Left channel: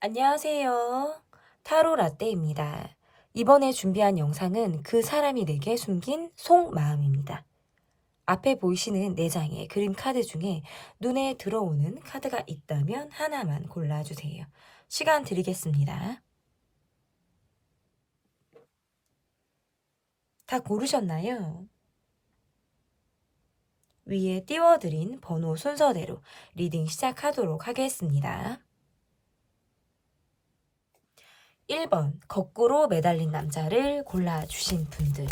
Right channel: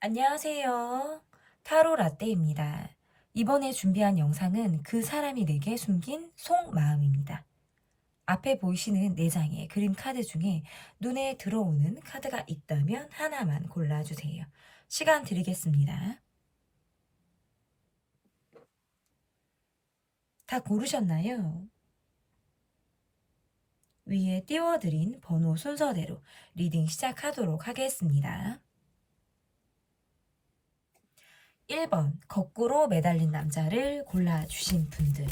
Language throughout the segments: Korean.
안녕하세요. 타로 라떼입니다. 이번에 준비한 영상은 그 사람이 내게 숨긴 속마음입니다. 앞에 보이시는 4장의 그림 카드 중에 눈에 들어오는 카드가 있다면 하나만 골라주세요. 시간 드리겠습니다. 다 고르셨나요? 위에 띄워드린 번호 순서대로 리딩 시작하도록 하겠습니다. 1번 거꾸로 매달린 남자를 골라주신 분들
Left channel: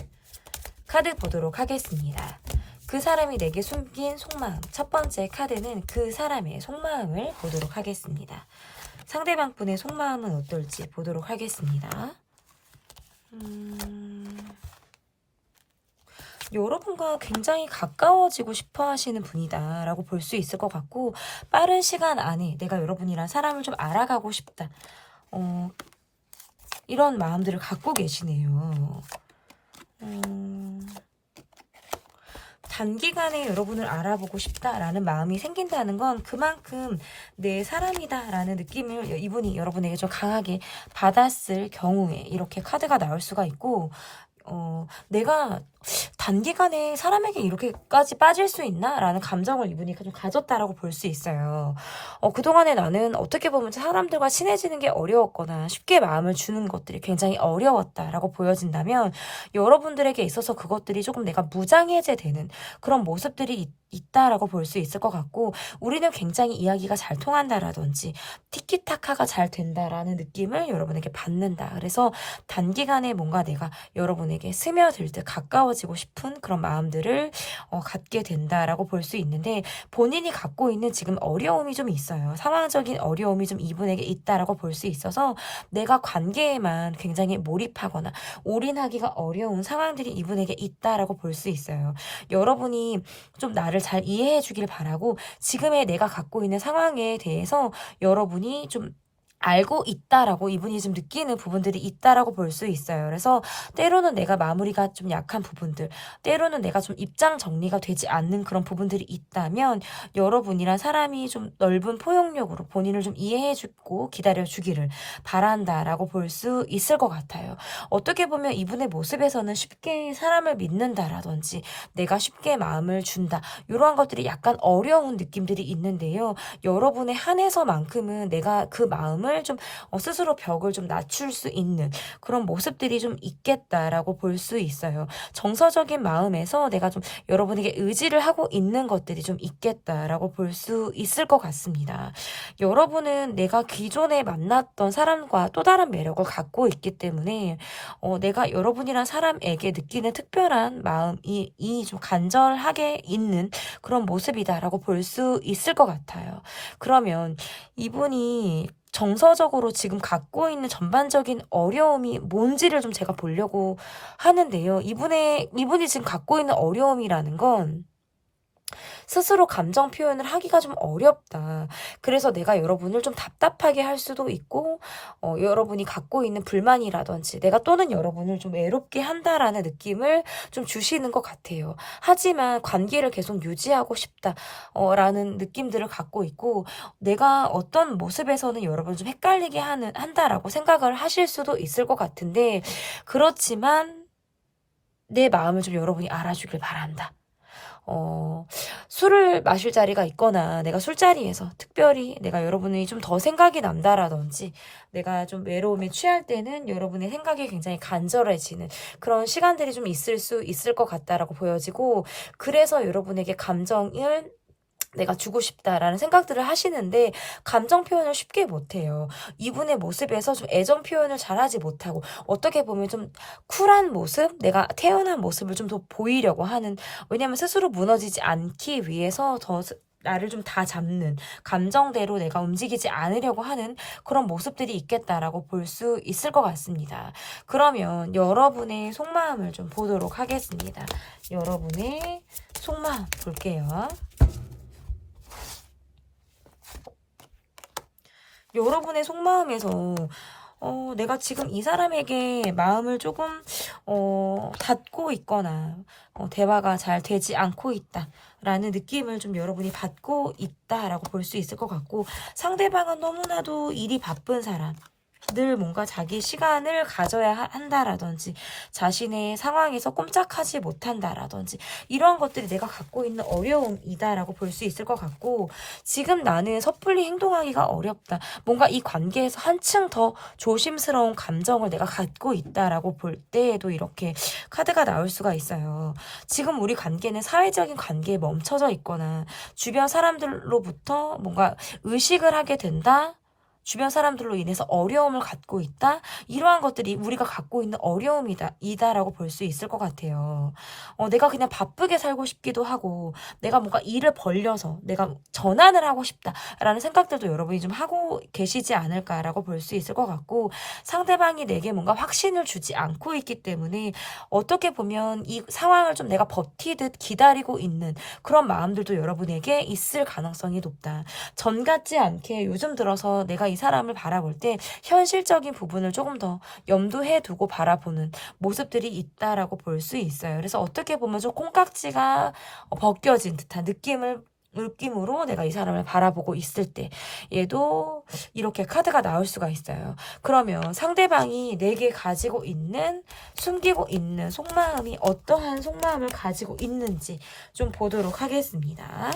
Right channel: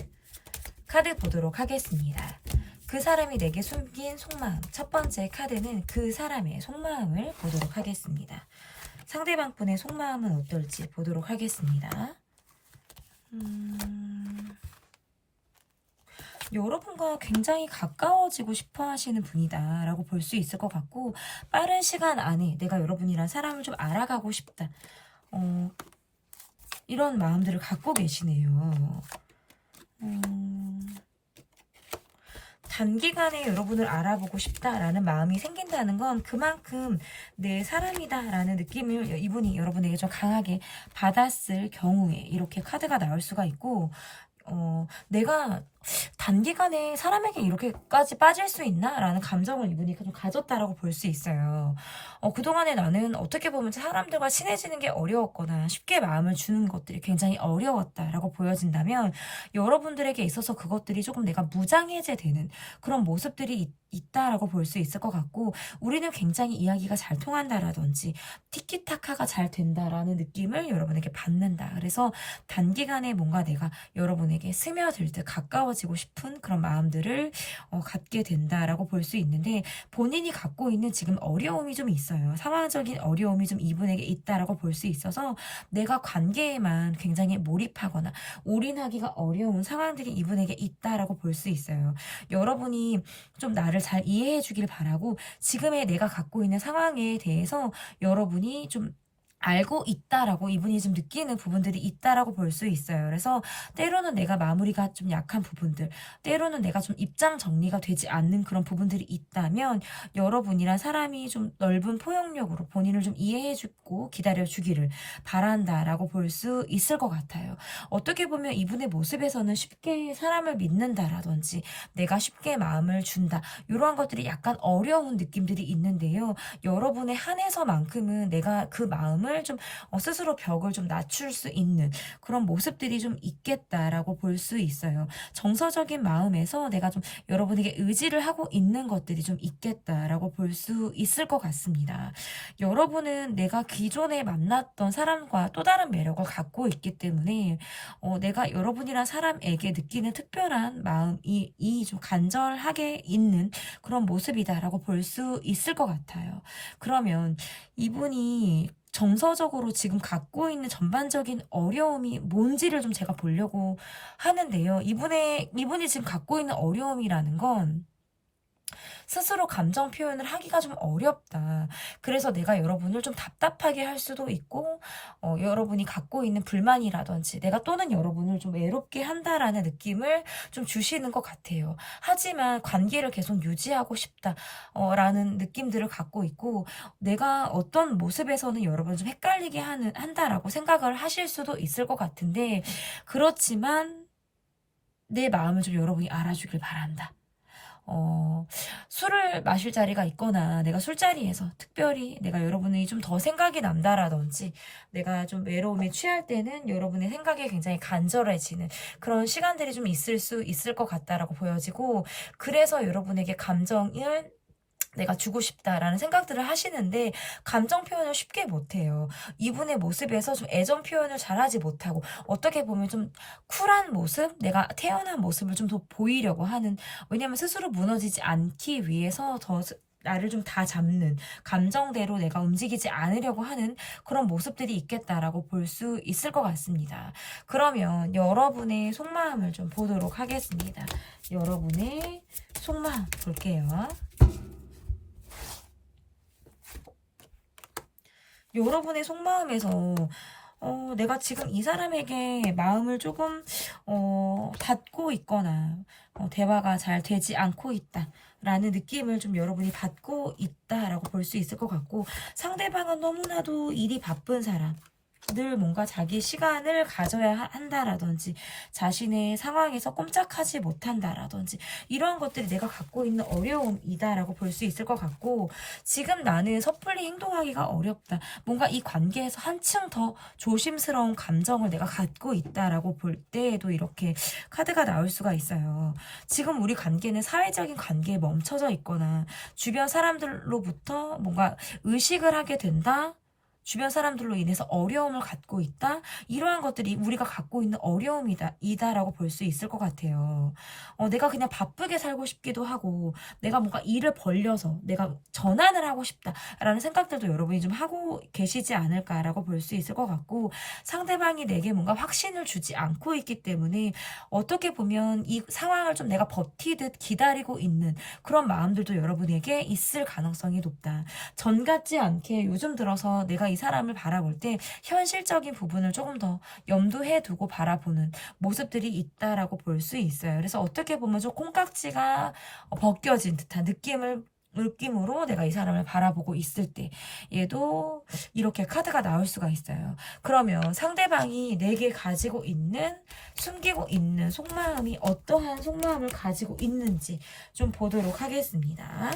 카드 보도록 하겠습니다. 그 사람이 내게 숨긴 속마음. 첫 번째 카드는 그 사람의 속마음을 보도록 하겠습니다. 상대방 분의 속마음은 어떨지 보도록 하겠습니다. 여러분과 굉장히 가까워지고 싶어 하시는 분이다 라고 볼 수 있을 것 같고, 빠른 시간 안에 내가 여러분이란 사람을 좀 알아가고 싶다, 이런 마음들을 갖고 계시네요. 단기간에 여러분을 알아보고 싶다라는 마음이 생긴다는 건 그만큼 내 사람이다라는 느낌을 이분이 여러분에게 좀 강하게 받았을 경우에 이렇게 카드가 나올 수가 있고, 내가 단기간에 사람에게 이렇게까지 빠질 수 있나? 라는 감정을 이분이 좀 가졌다라고 볼 수 있어요. 그동안에 나는 어떻게 보면 사람들과 친해지는 게 어려웠거나 쉽게 마음을 주는 것들이 굉장히 어려웠다라고 보여진다면, 여러분들에게 있어서 그것들이 조금 내가 무장해제되는 그런 모습들이 있다라고 볼 수 있을 것 같고, 우리는 굉장히 이야기가 잘 통한다라든지 티키타카가 잘 된다라는 느낌을 여러분에게 받는다. 그래서 단기간에 뭔가 내가 여러분에게 스며들 듯 가까워지고 싶은 그런 마음들을 갖게 된다라고 볼 수 있는데, 본인이 갖고 있는 지금 어려움이 좀 있어요. 상황적인 어려움이 좀 이분에게 있다라고 볼 수 있어서 내가 관계에만 굉장히 몰입하거나 올인하기가 어려운 상황들이 이분에게 있다라고 볼 수 있어요. 여러분이 좀 나를 잘 이해해 주길 바라고, 지금의 내가 갖고 있는 상황에 대해서 여러분이 좀 알고 있다라고 이분이 좀 느끼는 부분들이 있다라고 볼 수 있어요. 그래서 때로는 내가 마무리가 좀 약한 부분들, 때로는 내가 좀 입장 정리가 되지 않는 그런 부분들이 있다면, 여러분이란 사람이 좀 넓은 포용력으로 본인을 좀 이해해주고 기다려주기를 바란다라고 볼 수 있을 것 같아요. 어떻게 보면 이분의 모습에서는 쉽게 사람을 믿는다라든지 내가 쉽게 마음을 준다, 이러한 것들이 약간 어려운 느낌들이 있는데요. 여러분에 한해서만큼은 내가 그 마음을 좀 스스로 벽을 좀 낮출 수 있는 그런 모습들이 좀 있겠다라고 볼 수 있어요. 정서적인 마음에서 내가 좀 여러분에게 의지를 하고 있는 것들이 좀 있겠다라고 볼 수 있을 것 같습니다. 여러분은 내가 기존에 만났던 사람과 또 다른 매력을 갖고 있기 때문에 내가 여러분이란 사람에게 느끼는 특별한 마음이 좀 간절하게 있는 그런 모습이다라고 볼 수 있을 것 같아요. 그러면 이분이 정서적으로 지금 갖고 있는 전반적인 어려움이 뭔지를 좀 제가 보려고 하는데요. 이분이 지금 갖고 있는 어려움이라는 건 스스로 감정 표현을 하기가 좀 어렵다. 그래서 내가 여러분을 좀 답답하게 할 수도 있고, 여러분이 갖고 있는 불만이라든지 내가 또는 여러분을 좀 외롭게 한다라는 느낌을 좀 주시는 것 같아요. 하지만 관계를 계속 유지하고 싶다, 라는 느낌들을 갖고 있고, 내가 어떤 모습에서는 여러분을 좀 헷갈리게 한다라고 생각을 하실 수도 있을 것 같은데, 그렇지만 내 마음을 좀 여러분이 알아주길 바란다. 술을 마실 자리가 있거나 내가 술자리에서 특별히 내가 여러분이 좀 더 생각이 난다라든지, 내가 좀 외로움에 취할 때는 여러분의 생각이 굉장히 간절해지는 그런 시간들이 좀 있을 수 있을 것 같다라고 보여지고, 그래서 여러분에게 감정을 내가 주고 싶다라는 생각들을 하시는데 감정 표현을 쉽게 못해요. 이분의 모습에서 좀 애정 표현을 잘하지 못하고, 어떻게 보면 좀 쿨한 모습, 내가 태어난 모습을 좀 더 보이려고 하는, 왜냐면 스스로 무너지지 않기 위해서 더 나를 좀 다 잡는, 감정대로 내가 움직이지 않으려고 하는 그런 모습들이 있겠다라고 볼 수 있을 것 같습니다. 그러면 여러분의 속마음을 좀 보도록 하겠습니다. 여러분의 속마음 볼게요. 여러분의 속마음에서 내가 지금 이 사람에게 마음을 조금 닫고 있거나 대화가 잘 되지 않고 있다 라는 느낌을 좀 여러분이 받고 있다라고 볼 수 있을 것 같고, 상대방은 너무나도 일이 바쁜 사람, 늘 뭔가 자기 시간을 가져야 한다라든지 자신의 상황에서 꼼짝하지 못한다라든지 이런 것들이 내가 갖고 있는 어려움이다라고 볼 수 있을 것 같고, 지금 나는 섣불리 행동하기가 어렵다, 뭔가 이 관계에서 한층 더 조심스러운 감정을 내가 갖고 있다라고 볼 때에도 이렇게 카드가 나올 수가 있어요. 지금 우리 관계는 사회적인 관계에 멈춰져 있거나 주변 사람들로부터 뭔가 의식을 하게 된다, 주변 사람들로 인해서 어려움을 갖고 있다, 이러한 것들이 우리가 갖고 있는 어려움이다라고 볼 수 있을 것 같아요. 내가 그냥 바쁘게 살고 싶기도 하고, 내가 뭔가 일을 벌려서 내가 전환을 하고 싶다라는 생각들도 여러분이 좀 하고 계시지 않을까라고 볼 수 있을 것 같고, 상대방이 내게 뭔가 확신을 주지 않고 있기 때문에 어떻게 보면 이 상황을 좀 내가 버티듯 기다리고 있는 그런 마음들도 여러분에게 있을 가능성이 높다. 전 같지 않게 요즘 들어서 내가 이 사람을 바라볼 때 현실적인 부분을 조금 더 염두해 두고 바라보는 모습들이 있다라고 볼 수 있어요. 그래서 어떻게 보면 좀 콩깍지가 벗겨진 듯한 느낌으로 내가 이 사람을 바라보고 있을 때 얘도 이렇게 카드가 나올 수가 있어요. 그러면 상대방이 내게 가지고 있는, 숨기고 있는 속마음이 어떠한 속마음을 가지고 있는지 좀 보도록 하겠습니다.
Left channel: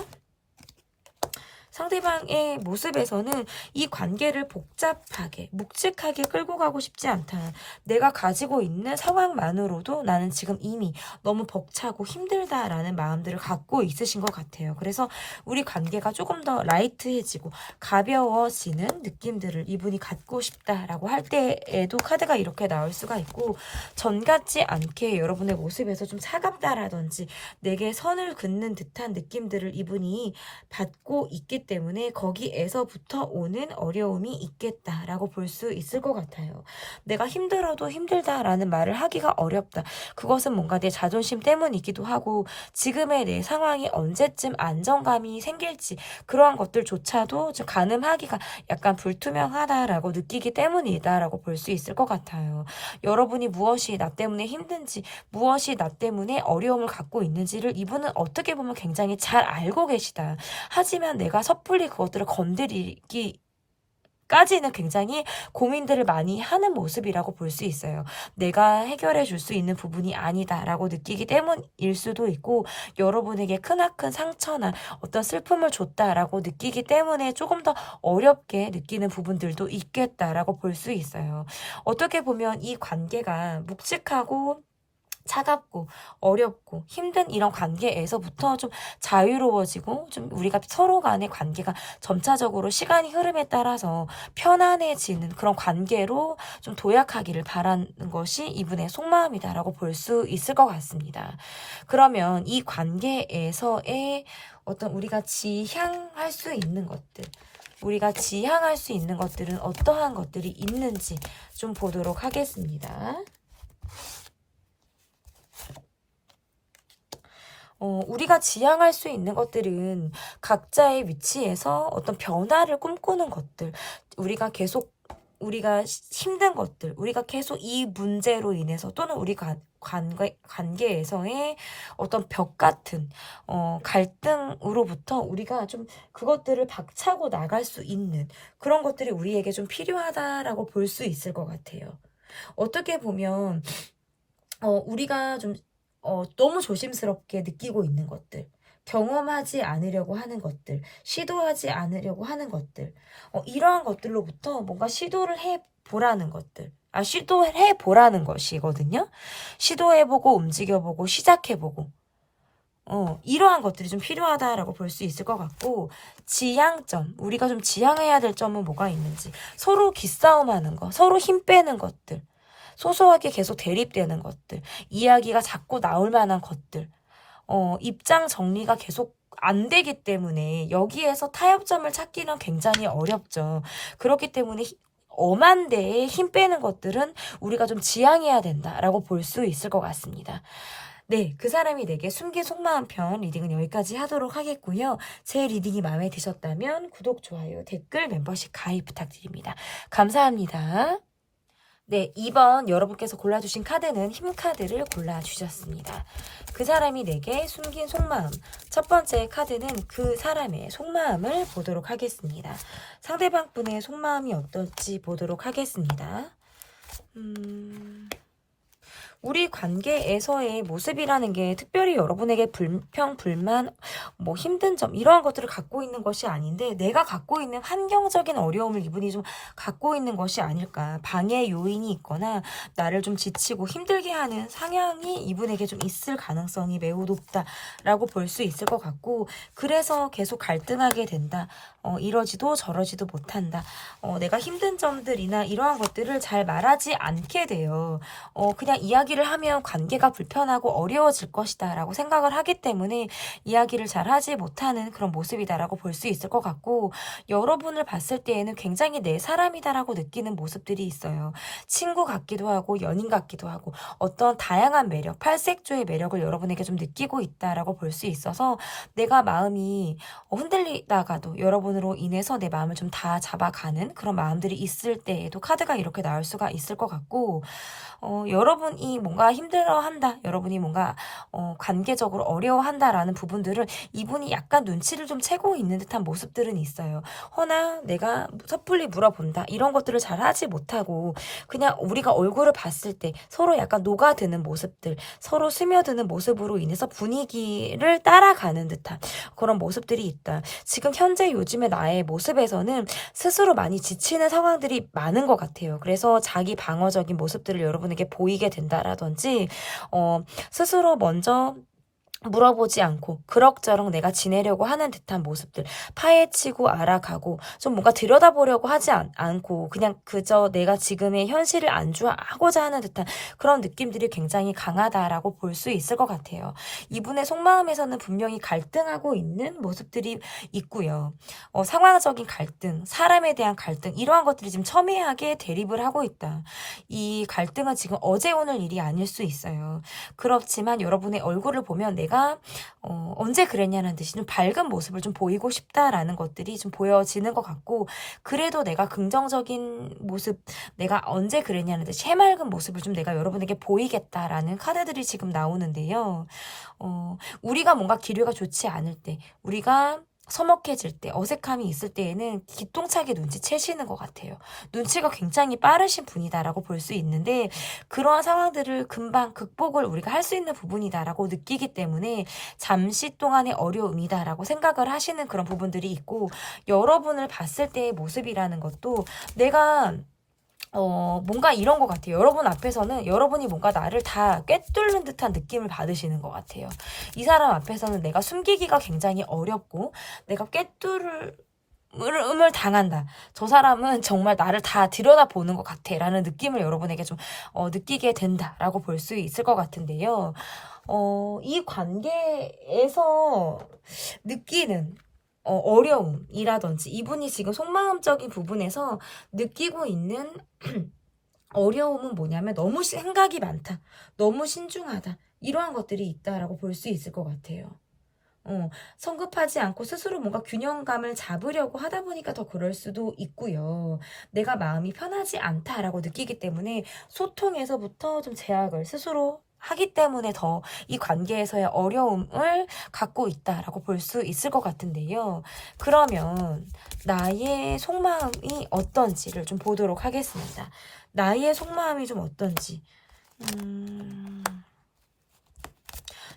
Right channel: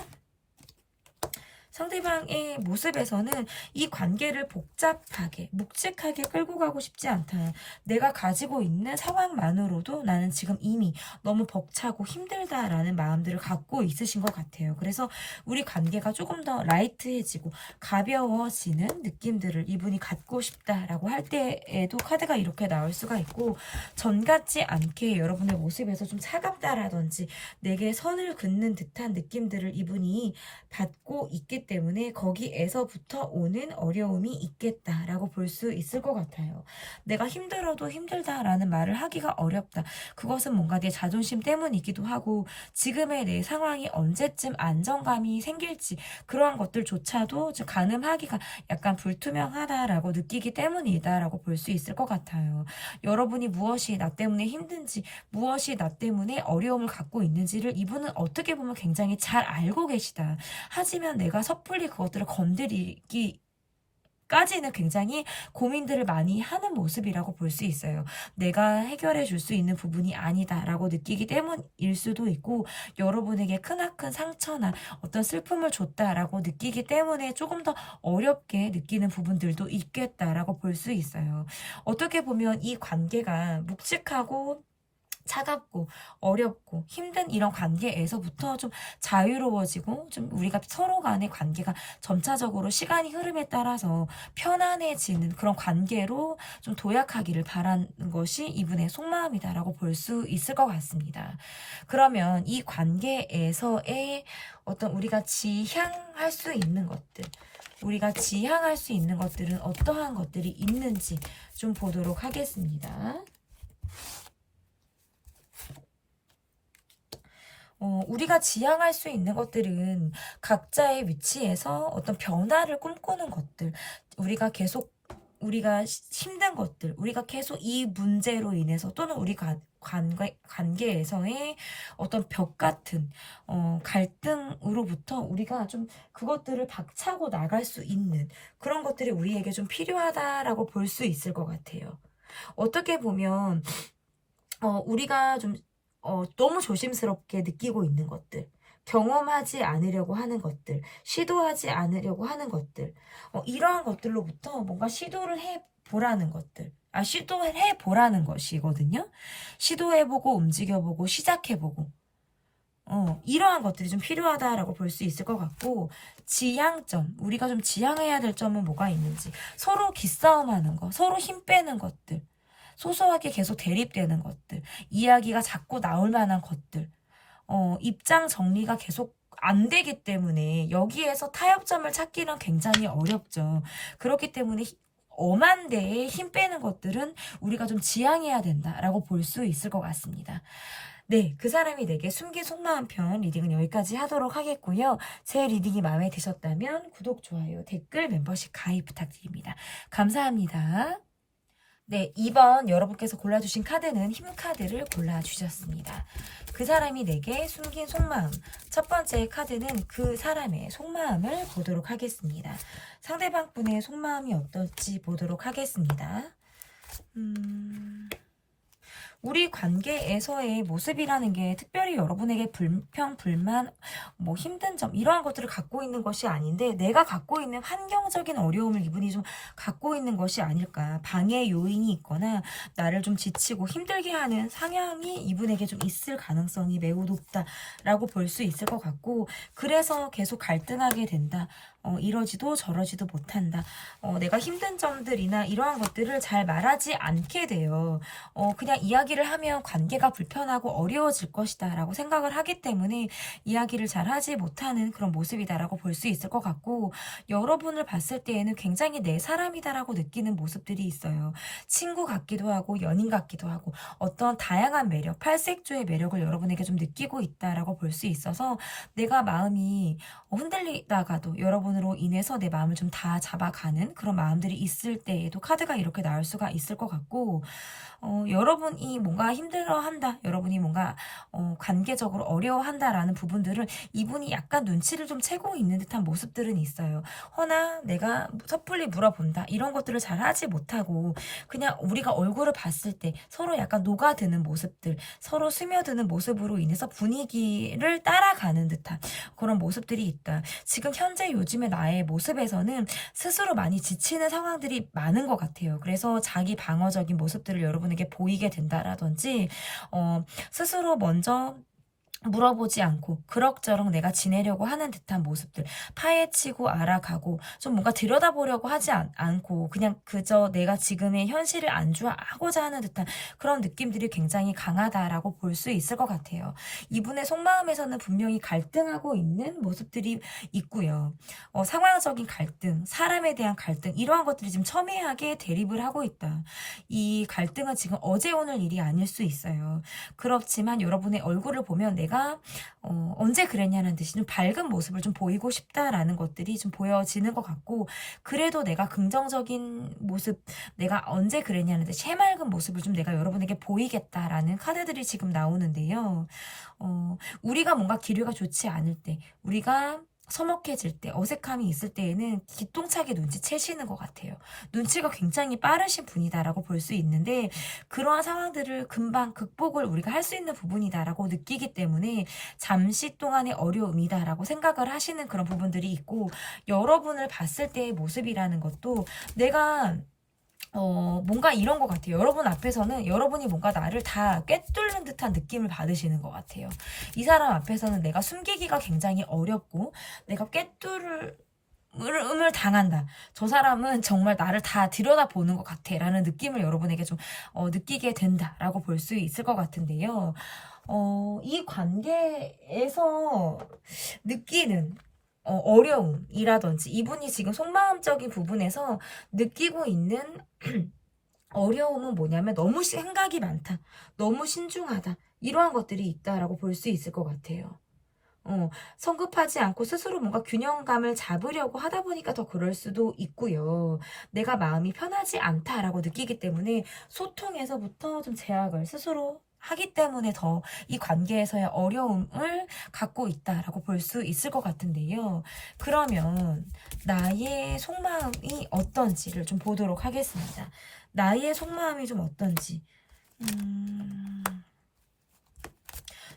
상대방의 모습에서는 이 관계를 복잡하게, 묵직하게 끌고 가고 싶지 않다. 내가 가지고 있는 상황만으로도 나는 지금 이미 너무 벅차고 힘들다라는 마음들을 갖고 있으신 것 같아요. 그래서 우리 관계가 조금 더 라이트해지고 가벼워지는 느낌들을 이분이 갖고 싶다라고 할 때에도 카드가 이렇게 나올 수가 있고, 전 같지 않게 여러분의 모습에서 좀 차갑다라든지 내게 선을 긋는 듯한 느낌들을 이분이 받고 있기 때문에 거기에서부터 오는 어려움이 있겠다라고 볼 수 있을 것 같아요. 내가 힘들어도 힘들다라는 말을 하기가 어렵다. 그것은 뭔가 내 자존심 때문이기도 하고, 지금의 내 상황이 언제쯤 안정감이 생길지 그러한 것들조차도 좀 가늠하기가 약간 불투명하다라고 느끼기 때문이다라고 볼 수 있을 것 같아요. 여러분이 무엇이 나 때문에 힘든지, 무엇이 나 때문에 어려움을 갖고 있는지를 이분은 어떻게 보면 굉장히 잘 알고 계시다. 하지만 내가 섣불리 그것들을 건드리기 까지는 굉장히 고민들을 많이 하는 모습이라고 볼 수 있어요. 내가 해결해 줄 수 있는 부분이 아니다라고 느끼기 때문일 수도 있고, 여러분에게 크나큰 상처나 어떤 슬픔을 줬다라고 느끼기 때문에 조금 더 어렵게 느끼는 부분들도 있겠다라고 볼 수 있어요. 어떻게 보면 이 관계가 묵직하고 차갑고 어렵고 힘든 이런 관계에서부터 좀 자유로워지고, 좀 우리가 서로 간의 관계가 점차적으로 시간이 흐름에 따라서 편안해지는 그런 관계로 좀 도약하기를 바라는 것이 이분의 속마음이다라고 볼 수 있을 것 같습니다. 그러면 이 관계에서의 어떤 우리가 지향할 수 있는 것들, 우리가 지향할 수 있는 것들은 어떠한 것들이 있는지 좀 보도록 하겠습니다. 우리가 지향할 수 있는 것들은 각자의 위치에서 어떤 변화를 꿈꾸는 것들, 우리가 힘든 것들, 우리가 계속 이 문제로 인해서 또는 우리 관계에서의 어떤 벽 같은 갈등으로부터 우리가 좀 그것들을 박차고 나갈 수 있는 그런 것들이 우리에게 좀 필요하다라고 볼 수 있을 것 같아요. 어떻게 보면 우리가 좀 너무 조심스럽게 느끼고 있는 것들, 경험하지 않으려고 하는 것들, 시도하지 않으려고 하는 것들, 이러한 것들로부터 뭔가 시도를 해보라는 것들, 시도해보라는 것이거든요. 시도해보고, 움직여보고, 시작해보고, 이러한 것들이 좀 필요하다라고 볼 수 있을 것 같고, 지향점, 우리가 좀 지향해야 될 점은 뭐가 있는지, 서로 기싸움하는 거, 서로 힘 빼는 것들, 소소하게 계속 대립되는 것들, 이야기가 자꾸 나올 만한 것들, 입장 정리가 계속 안 되기 때문에 여기에서 타협점을 찾기는 굉장히 어렵죠. 그렇기 때문에 엄한 데에 힘 빼는 것들은 우리가 좀 지양해야 된다라고 볼 수 있을 것 같습니다. 네, 그 사람이 내게 숨긴 속마음 편 리딩은 여기까지 하도록 하겠고요. 제 리딩이 마음에 드셨다면 구독, 좋아요, 댓글, 멤버십 가입 부탁드립니다. 감사합니다. 네, 2번 여러분께서 골라주신 카드는 힘 카드를 골라주셨습니다. 그 사람이 내게 숨긴 속마음. 첫 번째 카드는 그 사람의 속마음을 보도록 하겠습니다. 상대방 분의 속마음이 어떨지 보도록 하겠습니다. 우리 관계에서의 모습이라는 게 특별히 여러분에게 불평, 불만, 뭐 힘든 점 이러한 것들을 갖고 있는 것이 아닌데 내가 갖고 있는 환경적인 어려움을 이분이 좀 갖고 있는 것이 아닐까. 방해 요인이 있거나 나를 좀 지치고 힘들게 하는 상향이 이분에게 좀 있을 가능성이 매우 높다라고 볼 수 있을 것 같고 그래서 계속 갈등하게 된다. 이러지도 저러지도 못한다. 내가 힘든 점들이나 이러한 것들을 잘 말하지 않게 돼요. 그냥 이야기를 하면 관계가 불편하고 어려워질 것이다 라고 생각을 하기 때문에 이야기를 잘 하지 못하는 그런 모습이다 라고 볼 수 있을 것 같고 여러분을 봤을 때에는 굉장히 내 사람이다 라고 느끼는 모습들이 있어요. 친구 같기도 하고 연인 같기도 하고 어떤 다양한 매력, 팔색조의 매력을 여러분에게 좀 느끼고 있다라고 볼 수 있어서 내가 마음이 흔들리다가도 여러분으로 인해서 내 마음을 좀 다 잡아가는 그런 마음들이 있을 때에도 카드가 이렇게 나올 수가 있을 것 같고 여러분이 뭔가 힘들어한다, 여러분이 뭔가 관계적으로 어려워한다라는 부분들을 이분이 약간 눈치를 좀 채고 있는 듯한 모습들은 있어요. 허나 내가 섣불리 물어본다 이런 것들을 잘 하지 못하고 그냥 우리가 얼굴을 봤을 때 서로 약간 녹아드는 모습들, 서로 스며드는 모습으로 인해서 분위기를 따라가는 듯한 그런 모습들이 있다. 지금 현재 요즘의 나의 모습에서는 스스로 많이 지치는 상황들이 많은 것 같아요. 그래서 자기 방어적인 모습들을 여러분에게 보이게 된다라든지 스스로 먼저 물어보지 않고 그럭저럭 내가 지내려고 하는 듯한 모습들 파헤치고 알아가고 좀 뭔가 들여다보려고 하지 않고 그냥 그저 내가 지금의 현실을 안주하고자 하는 듯한 그런 느낌들이 굉장히 강하다라고 볼 수 있을 것 같아요. 이분의 속마음에서는 분명히 갈등하고 있는 모습들이 있고요. 상황적인 갈등, 사람에 대한 갈등 이러한 것들이 지금 첨예하게 대립을 하고 있다. 이 갈등은 지금 어제 오늘 일이 아닐 수 있어요. 그렇지만 여러분의 얼굴을 보면 내가 언제 그랬냐는 듯이 좀 밝은 모습을 좀 보이고 싶다라는 것들이 좀 보여지는 것 같고 그래도 내가 긍정적인 모습 내가 언제 그랬냐는 듯이 해맑은 모습을 좀 내가 여러분에게 보이겠다라는 카드들이 지금 나오는데요. 우리가 뭔가 기류가 좋지 않을 때 우리가 서먹해질 때, 어색함이 있을 때에는 기똥차게 눈치채시는 것 같아요. 눈치가 굉장히 빠르신 분이다라고 볼 수 있는데 그러한 상황들을 금방 극복을 우리가 할 수 있는 부분이다라고 느끼기 때문에 잠시 동안의 어려움이다라고 생각을 하시는 그런 부분들이 있고 여러분을 봤을 때의 모습이라는 것도 내가 뭔가 이런 것 같아요. 여러분 앞에서는 여러분이 뭔가 나를 다 꿰뚫는 듯한 느낌을 받으시는 것 같아요. 이 사람 앞에서는 내가 숨기기가 굉장히 어렵고 내가 을 당한다. 저 사람은 정말 나를 다 들여다보는 것 같아 라는 느낌을 여러분에게 좀 느끼게 된다라고 볼 수 있을 것 같은데요. 이 관계에서 느끼는 어려움이라든지 이분이 지금 속마음적인 부분에서 느끼고 있는 어려움은 뭐냐면 너무 생각이 많다. 너무 신중하다. 이러한 것들이 있다라고 볼 수 있을 것 같아요. 성급하지 않고 스스로 뭔가 균형감을 잡으려고 하다 보니까 더 그럴 수도 있고요. 내가 마음이 편하지 않다라고 느끼기 때문에 소통에서부터 좀 제약을 스스로 하기 때문에 더 이 관계에서의 어려움을 갖고 있다라고 볼 수 있을 것 같은데요. 그러면 나의 속마음이 어떤지를 좀 보도록 하겠습니다. 나의 속마음이 좀 어떤지.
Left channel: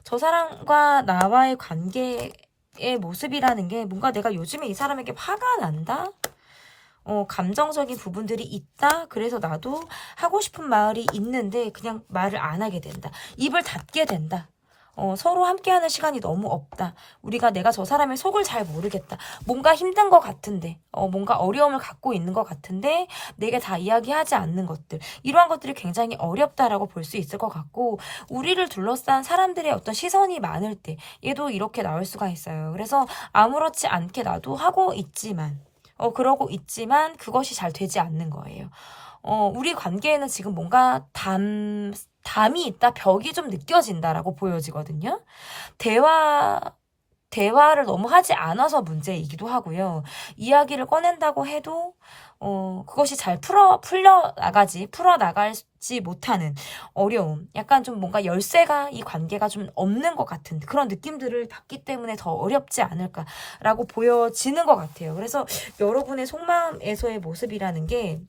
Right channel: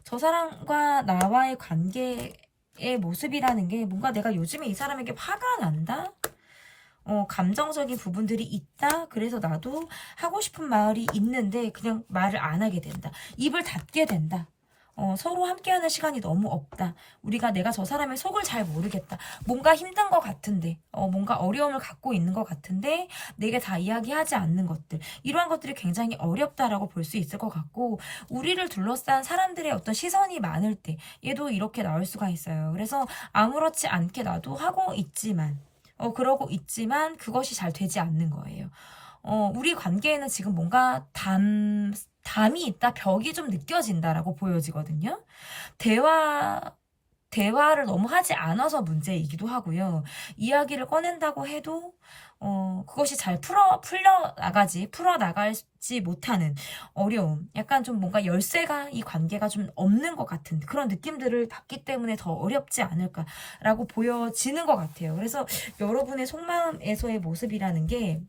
저 사람과 나와의 관계의 모습이라는 게 뭔가 내가 요즘에 이 사람에게 화가 난다? 감정적인 부분들이 있다. 그래서 나도 하고 싶은 말이 있는데 그냥 말을 안 하게 된다. 입을 닫게 된다. 서로 함께하는 시간이 너무 없다. 내가 저 사람의 속을 잘 모르겠다. 뭔가 힘든 것 같은데, 뭔가 어려움을 갖고 있는 것 같은데, 내게 다 이야기하지 않는 것들. 이러한 것들이 굉장히 어렵다라고 볼 수 있을 것 같고, 우리를 둘러싼 사람들의 어떤 시선이 많을 때, 얘도 이렇게 나올 수가 있어요. 그래서 아무렇지 않게 나도 하고 있지만, 그러고 있지만 그것이 잘 되지 않는 거예요. 우리 관계에는 지금 뭔가 담이 있다, 벽이 좀 느껴진다라고 보여지거든요. 대화를 너무 하지 않아서 문제이기도 하고요. 이야기를 꺼낸다고 해도 그것이 잘 풀어나가지 못하는 어려움, 약간 좀 뭔가 열쇠가 이 관계가 좀 없는 것 같은 그런 느낌들을 받기 때문에 더 어렵지 않을까라고 보여지는 것 같아요. 그래서 여러분의 속마음에서의 모습이라는 게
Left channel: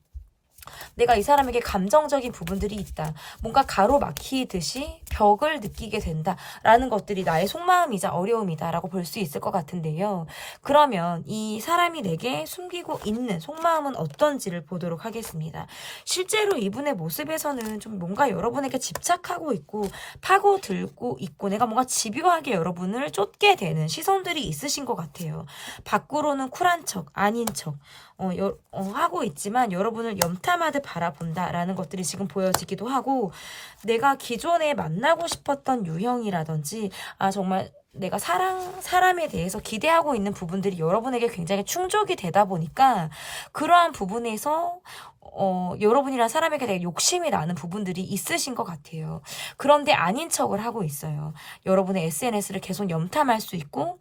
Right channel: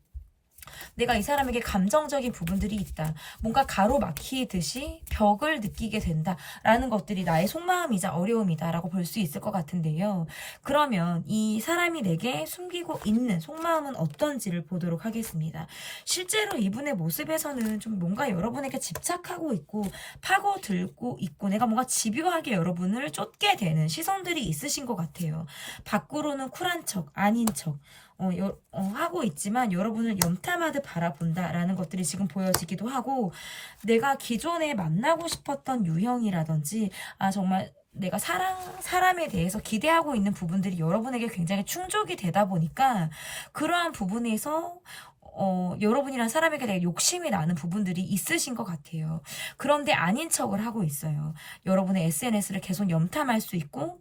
내가 이 사람에게 감정적인 부분들이 있다. 뭔가 가로막히듯이 벽을 느끼게 된다라는 것들이 나의 속마음이자 어려움이다라고 볼 수 있을 것 같은데요. 그러면 이 사람이 내게 숨기고 있는 속마음은 어떤지를 보도록 하겠습니다. 실제로 이분의 모습에서는 좀 뭔가 여러분에게 집착하고 있고 파고들고 있고 내가 뭔가 집요하게 여러분을 쫓게 되는 시선들이 있으신 것 같아요. 밖으로는 쿨한 척, 아닌 척 하고 있지만 여러분을 염탐하듯 바라본다라는 것들이 지금 보여지기도 하고 내가 기존에 만나고 싶었던 유형이라든지 정말 내가 사람에 대해서 기대하고 있는 부분들이 여러분에게 굉장히 충족이 되다 보니까 그러한 부분에서 여러분이란 사람에게 대해 욕심이 나는 부분들이 있으신 것 같아요. 그런데 아닌 척을 하고 있어요. 여러분의 SNS를 계속 염탐할 수 있고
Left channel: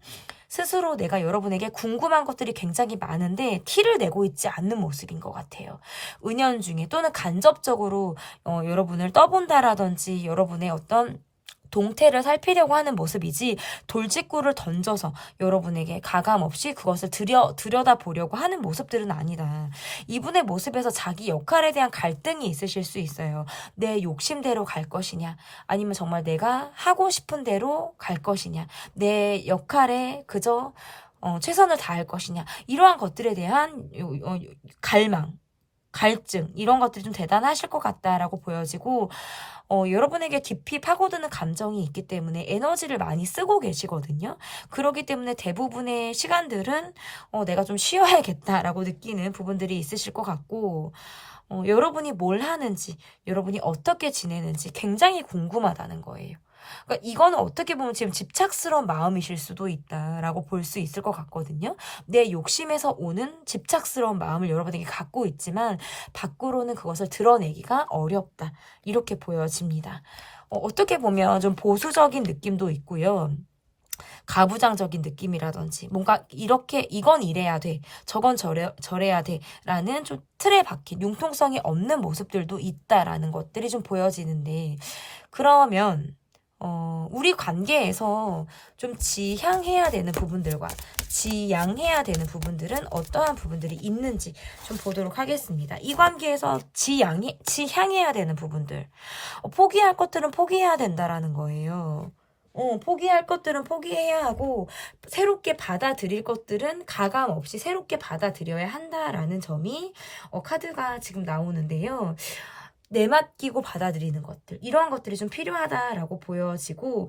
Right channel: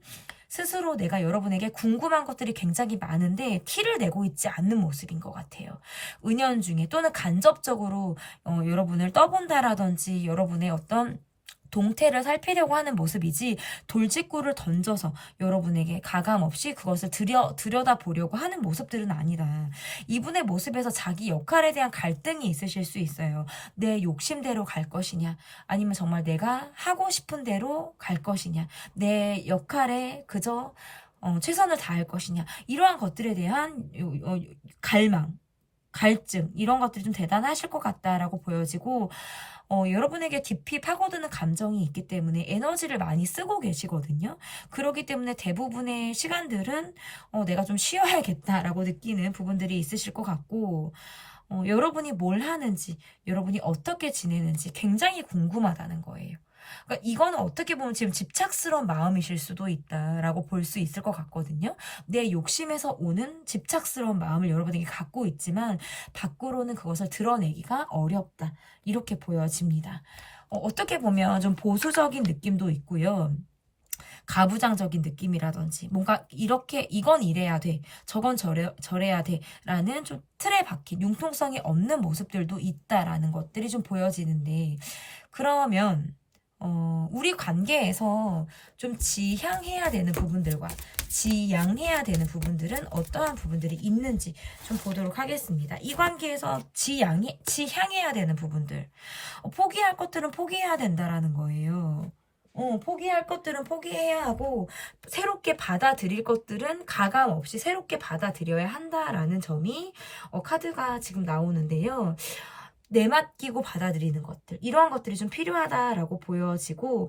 스스로 내가 여러분에게 궁금한 것들이 굉장히 많은데 티를 내고 있지 않는 모습인 것 같아요. 은연중에 또는 간접적으로 여러분을 떠본다라든지 여러분의 어떤 동태를 살피려고 하는 모습이지 돌직구를 던져서 여러분에게 가감없이 그것을 들여다보려고 하는 모습들은 아니다. 이분의 모습에서 자기 역할에 대한 갈등이 있으실 수 있어요. 내 욕심대로 갈 것이냐 아니면 정말 내가 하고 싶은 대로 갈 것이냐 내 역할에 그저 최선을 다할 것이냐 이러한 것들에 대한 갈망 갈증 이런 것들이 좀 대단하실 것 같다라고 보여지고 여러분에게 깊이 파고드는 감정이 있기 때문에 에너지를 많이 쓰고 계시거든요. 그렇기 때문에 대부분의 시간들은 내가 좀 쉬어야겠다라고 느끼는 부분들이 있으실 것 같고 여러분이 뭘 하는지 여러분이 어떻게 지내는지 굉장히 궁금하다는 거예요. 그러니까 이거는 어떻게 보면 지금 집착스러운 마음이실 수도 있다라고 볼 수 있을 것 같거든요. 내 욕심에서 오는 집착스러운 마음을 여러분에게 갖고 있지만 밖으로는 그것을 드러내기가 어렵다. 이렇게 보여집니다. 어떻게 보면 좀 보수적인 느낌도 있고요. 가부장적인 느낌이라든지 뭔가 이렇게 이건 이래야 돼 저건 저래야 돼 라는 좀 틀에 박힌 융통성이 없는 모습들도 있다라는 것들이 좀 보여지는데 그러면 우리 관계에서 좀 지향해야 되는 부분들과 지양해야 되는 부분들은 어떠한 부분들이 있는지 좀 보도록 하겠습니다. 이 관계에서 지향해야 되는 부분들. 포기할 것들은 포기해야 된다라는 거예요. 포기할 것들은 포기해야 하고 새롭게 받아들일 것들은 가감 없이 새롭게 받아들여야 한다라는 점이 카드가 지금 나오는데요. 내맡기고 받아들이는 것들 이러한 것들이 좀 필요하다라고 보여지고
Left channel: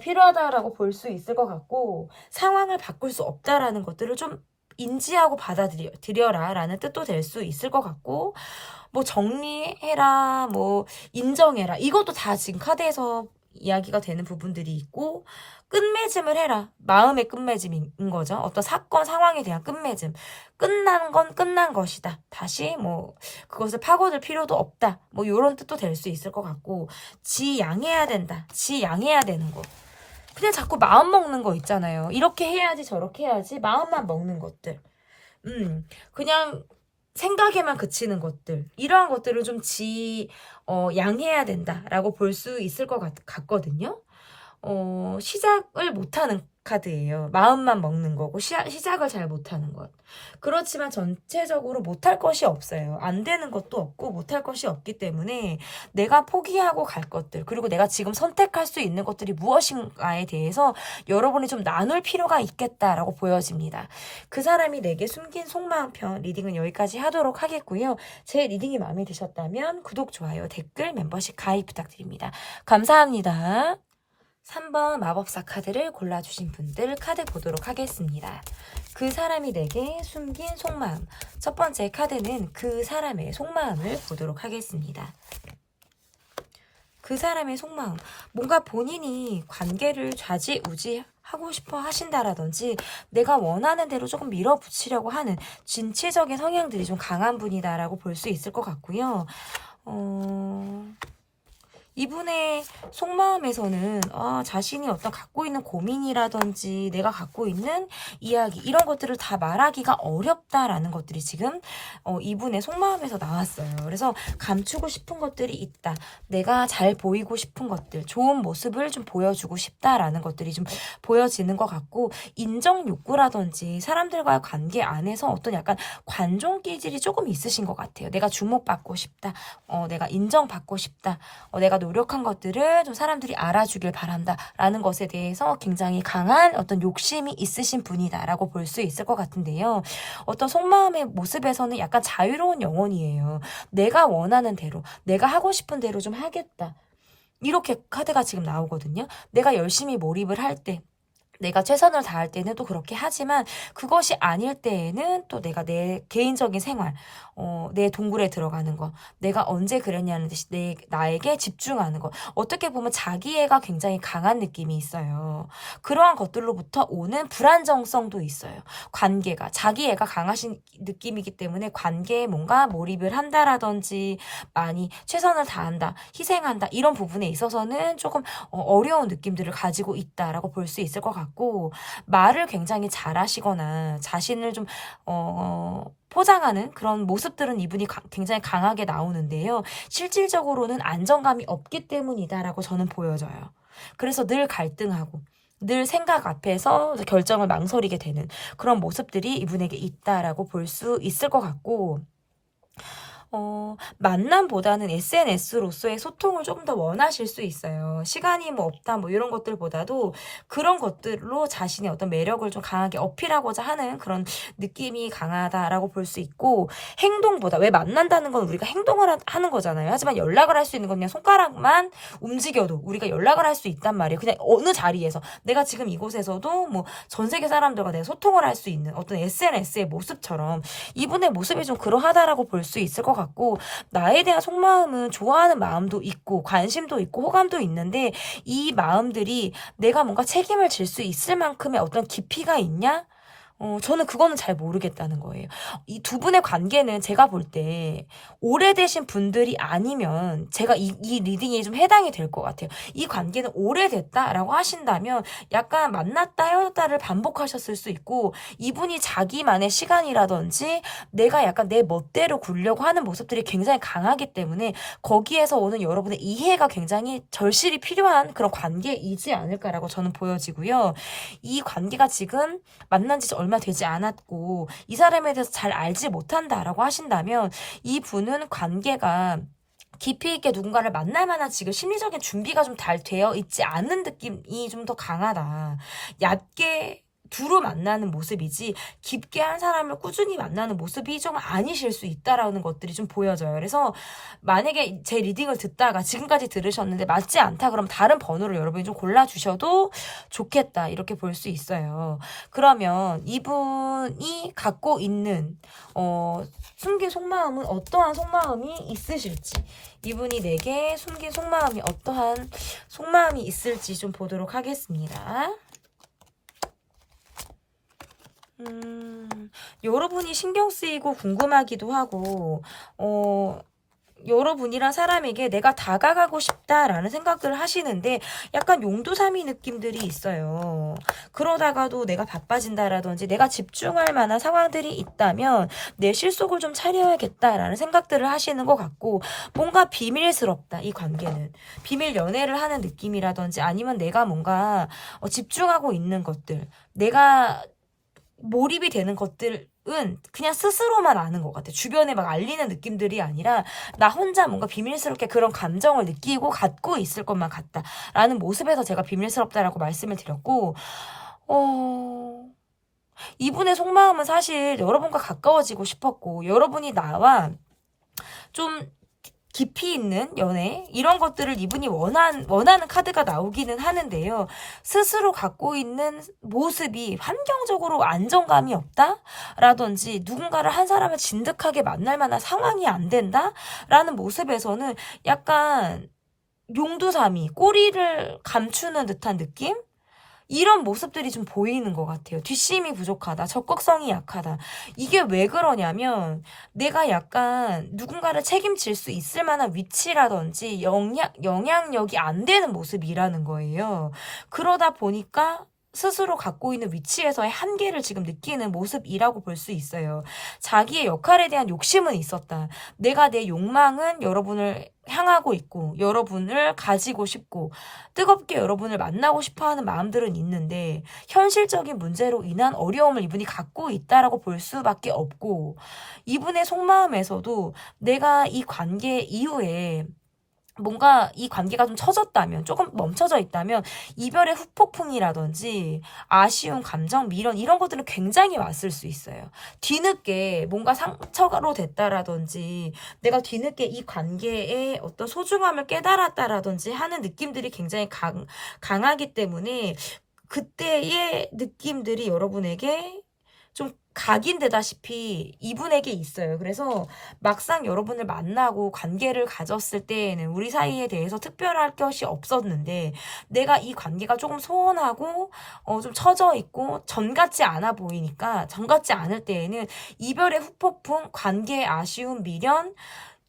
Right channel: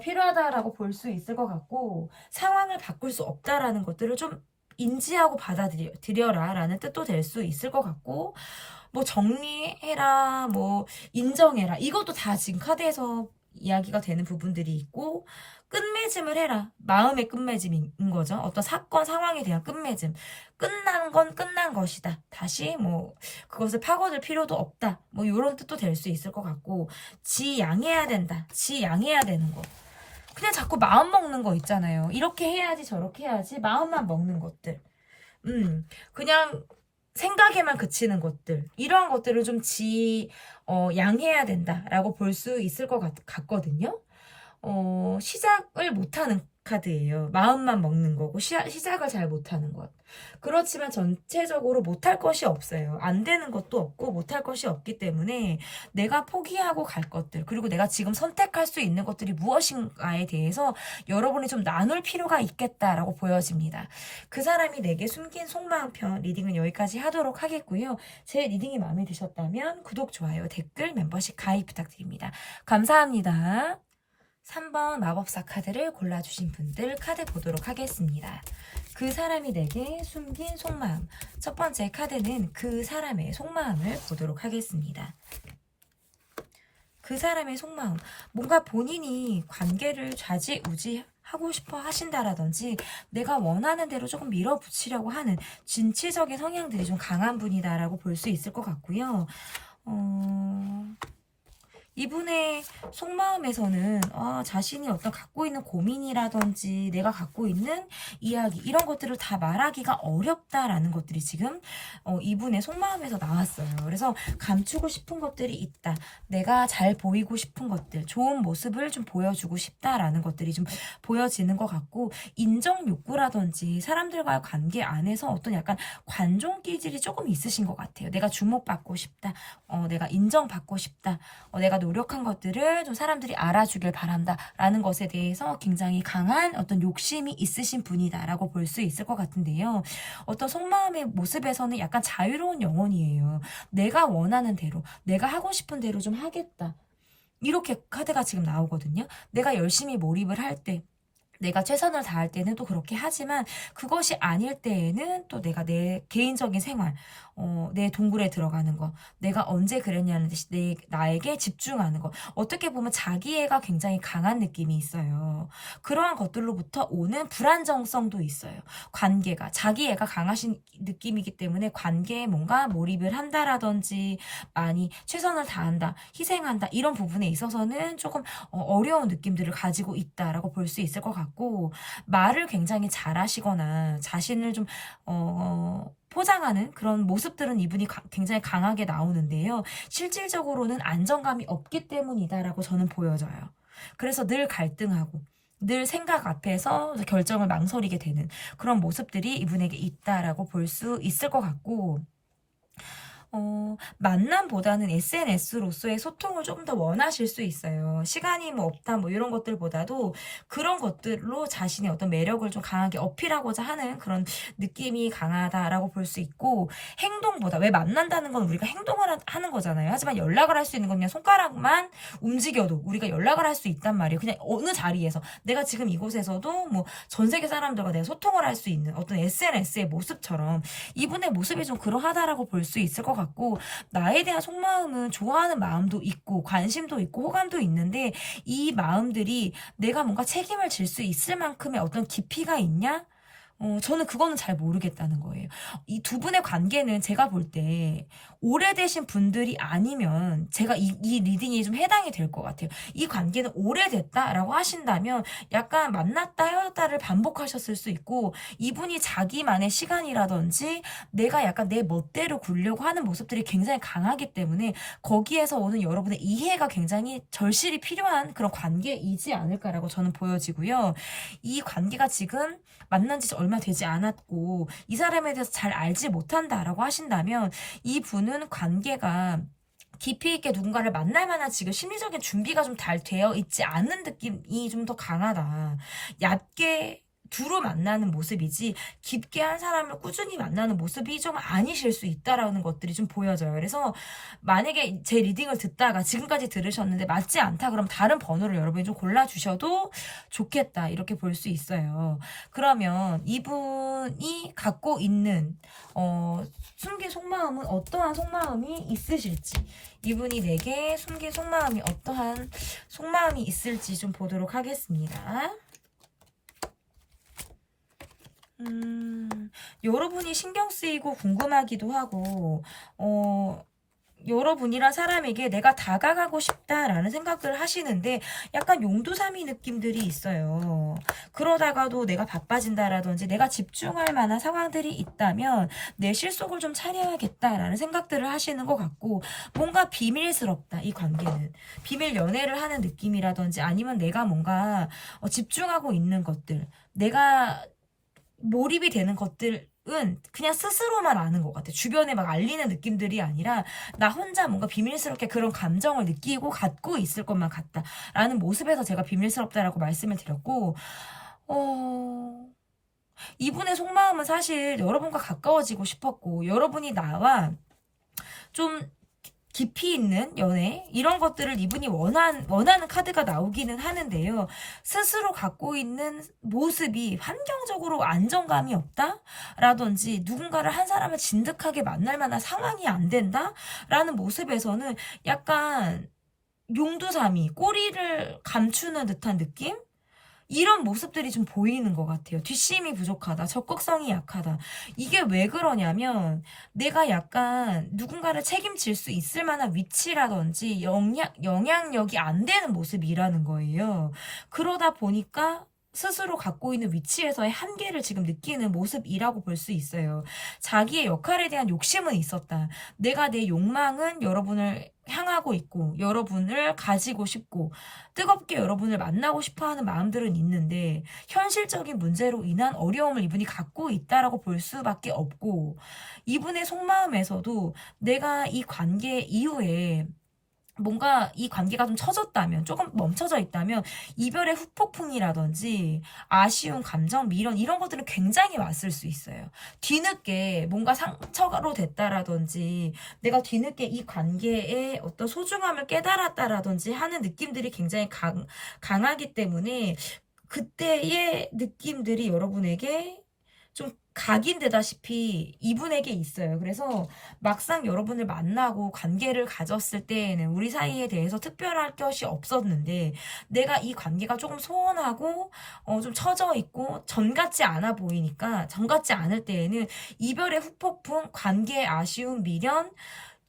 필요하다라고 볼 수 있을 것 같고 상황을 바꿀 수 없다라는 것들을 좀 인지하고 받아들여라 라는 뜻도 될 수 있을 것 같고 뭐 정리해라 뭐 인정해라 이것도 다 지금 카드에서 이야기가 되는 부분들이 있고 끝맺음을 해라. 마음의 끝맺음인 거죠. 어떤 사건, 상황에 대한 끝맺음. 끝난 건 끝난 것이다. 다시 뭐 그것을 파고들 필요도 없다. 뭐 이런 뜻도 될 수 있을 것 같고 지양해야 된다. 지양해야 되는 거. 그냥 자꾸 마음 먹는 거 있잖아요. 이렇게 해야지 저렇게 해야지 마음만 먹는 것들. 그냥 생각에만 그치는 것들. 이러한 것들을 좀 양해야 된다라고 볼 수 있을 것 같거든요. 시작을 못하는 카드예요. 마음만 먹는 거고 시작을 잘 못하는 것. 그렇지만 전체적으로 못할 것이 없어요. 안 되는 것도 없고 못할 것이 없기 때문에 내가 포기하고 갈 것들 그리고 내가 지금 선택할 수 있는 것들이 무엇인가에 대해서 여러분이 좀 나눌 필요가 있겠다라고 보여집니다. 그 사람이 내게 숨긴 속마음 편 리딩은 여기까지 하도록 하겠고요. 제 리딩이 마음에 드셨다면 구독, 좋아요, 댓글, 멤버십 가입 부탁드립니다. 감사합니다. 3번 마법사 카드를 골라주신 분들 카드 보도록 하겠습니다. 그 사람이 내게 숨긴 속마음. 첫 번째 카드는 그 사람의 속마음을 보도록 하겠습니다. 그 사람의 속마음. 뭔가 본인이 관계를 좌지우지하고 싶어 하신다라든지 내가 원하는 대로 조금 밀어붙이려고 하는 진취적인 성향들이 좀 강한 분이다라고 볼 수 있을 것 같고요. 이분의 속마음에서는 자신이 어떤 갖고 있는 고민이라든지 내가 갖고 있는 이야기 이런 것들을 다 말하기가 어렵다라는 것들이 지금 이분의 속마음에서 나왔어요. 그래서 감추고 싶은 것들이 있다. 내가 잘 보이고 싶은 것들, 좋은 모습을 좀 보여주고 싶다라는 것들이 좀 보여지는 것 같고, 인정 욕구라든지 사람들과의 관계 안에서 어떤 약간 관종 기질이 조금 있으신 것 같아요. 내가 주목받고 싶다. 내가 인정받고 싶다. 내가 노력한 것들을 좀 사람들이 알아주길 바란다 라는 것에 대해서 굉장히 강한 어떤 욕심이 있으신 분이다 라고 볼 수 있을 것 같은데요. 어떤 속마음의 모습에서는 약간 자유로운 영혼이에요. 내가 원하는 대로, 내가 하고 싶은 대로 좀 하겠다. 이렇게 카드가 지금 나오거든요. 내가 열심히 몰입을 할 때, 내가 최선을 다할 때는 또 그렇게 하지만, 그것이 아닐 때에는 또 내가 내 개인적인 생활, 내 동굴에 들어가는 거, 내가 언제 그랬냐는 듯이 나에게 집중하는 거. 어떻게 보면 자기애가 굉장히 강한 느낌이 있어요. 그러한 것들로부터 오는 불안정성도 있어요. 관계가, 자기애가 강하신 느낌이기 때문에 관계에 뭔가 몰입을 한다라든지 많이 최선을 다한다, 희생한다 이런 부분에 있어서는 조금 어려운 느낌들을 가지고 있다라고 볼 수 있을 것 같고, 말을 굉장히 잘하시거나 자신을 좀 포장하는 그런 모습들은 이분이 굉장히 강하게 나오는데요. 실질적으로는 안정감이 없기 때문이다라고 저는 보여져요. 그래서 늘 갈등하고 늘 생각 앞에서 결정을 망설이게 되는 그런 모습들이 이분에게 있다라고 볼 수 있을 것 같고, 만남보다는 SNS로서의 소통을 좀 더 원하실 수 있어요. 시간이 뭐 없다 뭐 이런 것들보다도 그런 것들로 자신의 어떤 매력을 좀 강하게 어필하고자 하는 그런 느낌이 강하다라고 볼 수 있고, 행동보다, 왜 만난다는 건 우리가 행동을 하는 거잖아요. 하지만 연락을 할 수 있는 건 그냥 손가락만 움직여도 우리가 연락을 할 수 있단 말이에요. 그냥 어느 자리에서 내가 지금 이곳에서도 뭐 전 세계 사람들과 내가 소통을 할 수 있는 어떤 SNS의 모습처럼 이분의 모습이 좀 그러하다라고 볼 수 있을 것 같고, 나에 대한 속마음은 좋아하는 마음도 있고 관심도 있고 호감도 있는데, 이 마음들이 내가 뭔가 책임을 질 수 있을 만큼의 어떤 깊이가 있냐? 저는 그거는 잘 모르겠다는 거예요. 이 두 분의 관계는 제가 볼 때 오래되신 분들이 아니면 제가 이 리딩이 좀 해당이 될 것 같아요. 이 관계는 오래됐다라고 하신다면 약간 만났다 헤어졌다를 반복하셨을 수 있고, 이분이 자기만의 시간이라든지 내가 약간 내 멋대로 굴려고 하는 모습들이 굉장히 강하기 때문에 거기에서 오는 여러분의 이해가 굉장히 절실히 필요한 그런 관계이지 않을까라고 저는 보여지고요. 이 관계가 지금 만난 지 얼마 되지 않았고 이 사람에 대해서 잘 알지 못한다라고 하신다면, 이 분은 관계가 깊이 있게 누군가를 만날 만한 지금 심리적인 준비가 좀 잘 되어 있지 않은 느낌이 좀 더 강하다. 얕게 두루 만나는 모습이지 깊게 한 사람을 꾸준히 만나는 모습이 좀 아니실 수 있다라는 것들이 좀 보여져요. 그래서 만약에 제 리딩을 듣다가 지금까지 들으셨는데 맞지 않다 그러면 다른 번호를 여러분이 좀 골라주셔도 좋겠다, 이렇게 볼 수 있어요. 그러면 이분이 갖고 있는 숨긴 속마음은 어떠한 속마음이 있으실지, 이분이 내게 숨긴 속마음이 어떠한 속마음이 있을지 좀 보도록 하겠습니다. 여러분이 신경 쓰이고 궁금하기도 하고, 여러분이란 사람에게 내가 다가가고 싶다라는 생각들을 하시는데 약간 용두사미 느낌들이 있어요. 그러다가도 내가 바빠진다라든지 내가 집중할 만한 상황들이 있다면 내 실속을 좀 차려야겠다라는 생각들을 하시는 것 같고, 뭔가 비밀스럽다, 이 관계는. 비밀 연애를 하는 느낌이라든지 아니면 내가 뭔가 집중하고 있는 것들, 내가 몰입이 되는 것들은 그냥 스스로만 아는 것 같아. 주변에 막 알리는 느낌들이 아니라 나 혼자 뭔가 비밀스럽게 그런 감정을 느끼고 갖고 있을 것만 같다 라는 모습에서 제가 비밀스럽다라고 말씀을 드렸고, 이분의 속마음은 사실 여러분과 가까워지고 싶었고, 여러분이 나와 좀 깊이 있는 연애 이런 것들을 이분이 원하는 카드가 나오기는 하는데요. 스스로 갖고 있는 모습이 환경적으로 안정감이 없다? 라든지 누군가를 한 사람을 진득하게 만날 만한 상황이 안 된다? 라는 모습에서는 약간 용두사미, 꼬리를 감추는 듯한 느낌? 이런 모습들이 좀 보이는 것 같아요. 뒷심이 부족하다. 적극성이 약하다. 이게 왜 그러냐면 내가 약간 누군가를 책임질 수 있을 만한 위치라든지 영향력이 안 되는 모습이라는 거예요. 그러다 보니까 스스로 갖고 있는 위치에서의 한계를 지금 느끼는 모습이라고 볼 수 있어요. 자기의 역할에 대한 욕심은 있었다. 내가 내 욕망은 여러분을 향하고 있고 여러분을 가지고 싶고 뜨겁게 여러분을 만나고 싶어하는 마음들은 있는데 현실적인 문제로 인한 어려움을 이분이 갖고 있다라고 볼 수밖에 없고 이분의 속마음에서도 내가 이 관계 이후에 뭔가 이 관계가 좀 처졌다면, 조금 멈춰져 있다면, 이별의 후폭풍이라든지, 아쉬운 감정, 미련, 이런 것들은 굉장히 왔을 수 있어요. 뒤늦게 뭔가 상처로 됐다라든지, 내가 뒤늦게 이 관계의 어떤 소중함을 깨달았다라든지 하는 느낌들이 굉장히 강하기 때문에, 그때의 느낌들이 여러분에게 좀 각인되다시피 이분에게 있어요. 그래서 막상 여러분을 만나고 관계를 가졌을 때에는 우리 사이에 대해서 특별할 것이 없었는데 내가 이 관계가 조금 소원하고 좀 처져 있고 전 같지 않아 보이니까 전 같지 않을 때에는 이별의 후폭풍, 관계의 아쉬움, 미련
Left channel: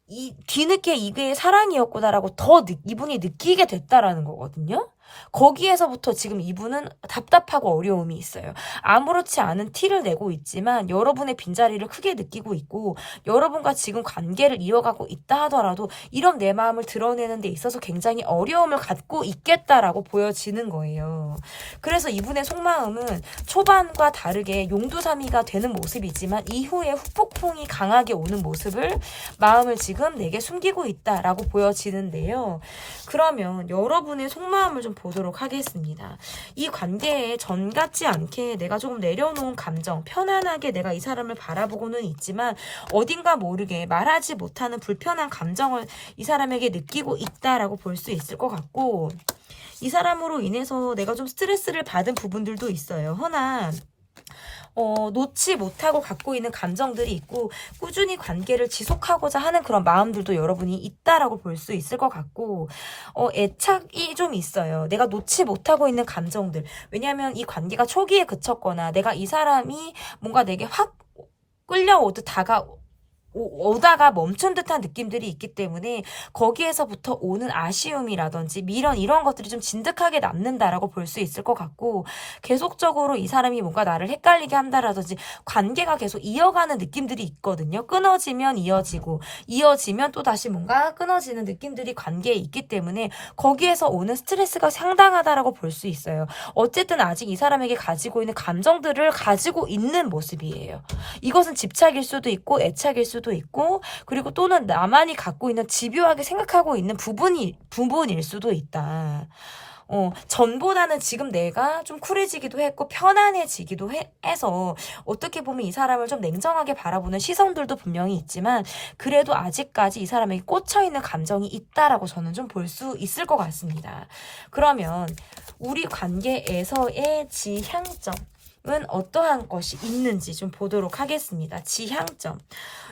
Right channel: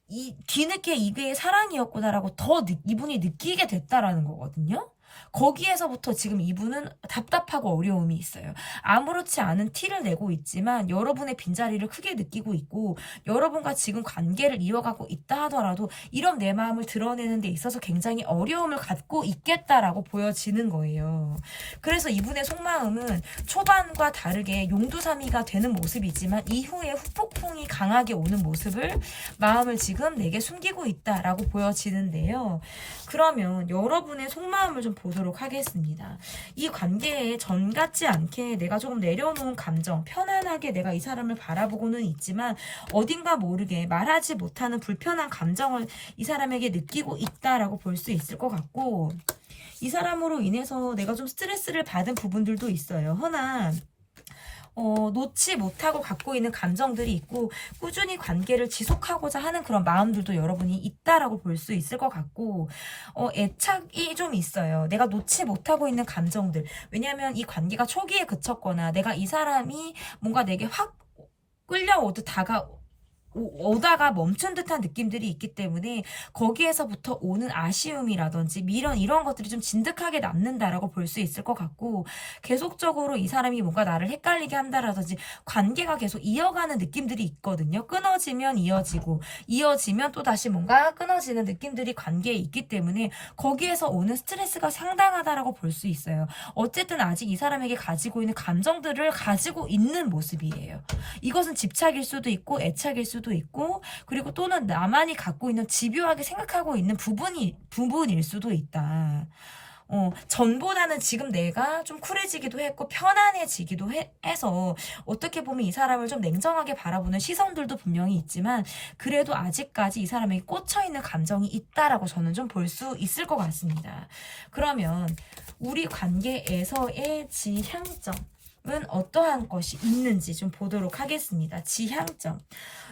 이 뒤늦게 이게 사랑이었구나라고 더 이분이 느끼게 됐다라는 거거든요. 거기에서부터 지금 이분은 답답하고 어려움이 있어요. 아무렇지 않은 티를 내고 있지만 여러분의 빈자리를 크게 느끼고 있고 여러분과 지금 관계를 이어가고 있다 하더라도 이런 내 마음을 드러내는 데 있어서 굉장히 어려움을 갖고 있겠다라고 보여지는 거예요. 그래서 이분의 속마음은 초반과 다르게 용두사미가 되는 모습이지만 이후에 후폭풍이 강하게 오는 모습을 마음을 지금 내게 숨기고 있다라고 보여지는데요. 그러면 여러분의 속마음을 좀 보도록 하겠습니다. 이 관계에 전 같지 않게 내가 조금 내려놓은 감정, 편안하게 내가 이 사람을 바라보고는 있지만 어딘가 모르게 말하지 못하는 불편한 감정을 이 사람에게 느끼고 있다라고 볼 수 있을 것 같고 이 사람으로 인해서 내가 좀 스트레스를 받은 부분들도 있어요. 허나 놓지 못하고 갖고 있는 감정들이 있고 꾸준히 관계를 지속하고자 하는 그런 마음들도 여러분이 있다라고 볼 수 있을 것 같고 애착이 좀 있어요. 내가 놓지 못하고 있는 감정들. 왜냐하면 이 관계가 초기에 그쳤거나 내가 이 사람이 뭔가 내게 확 끌려오듯 오다가 멈춘 듯한 느낌들이 있기 때문에 거기에서부터 오는 아쉬움이라든지 미련 이런 것들이 좀 진득하게 남는다라고 볼 수 있을 것 같고 계속적으로 이 사람이 뭔가 나를 헷갈리게 한다라든지 관계가 계속 이어가는 느낌들이 있거든요. 끊어지면 이어지고 이어지면 또 다시 뭔가 끊어지는 느낌들이 관계에 있기 때문에 거기에서 오는 스트레스가 상당하다라고 볼 수 있어요. 어쨌든 아직 이 사람에게 가지고 있는 감정들을 가지고 있는 모습이에요. 이것은 집착일 수도 있고 애착일 수도 있고 그리고 또는 나만이 갖고 있는 집요하게 생각하고 있는 부분일 수도 있다. 전보다는 지금 내가 좀 쿨해지기도 했고 편안해지기도 해서 어떻게 보면 이 사람을 좀 냉정하게 바라보는 시선들도 분명히 있지만 그래도 아직까지 이 사람에게 꽂혀있는 감정이 있다라고 저는 좀 볼 수 있을 것 같습니다. 그러면 우리 관계에서의 지향점 은 어떠한 것이 있는지 좀 보도록 하겠습니다. 지향점.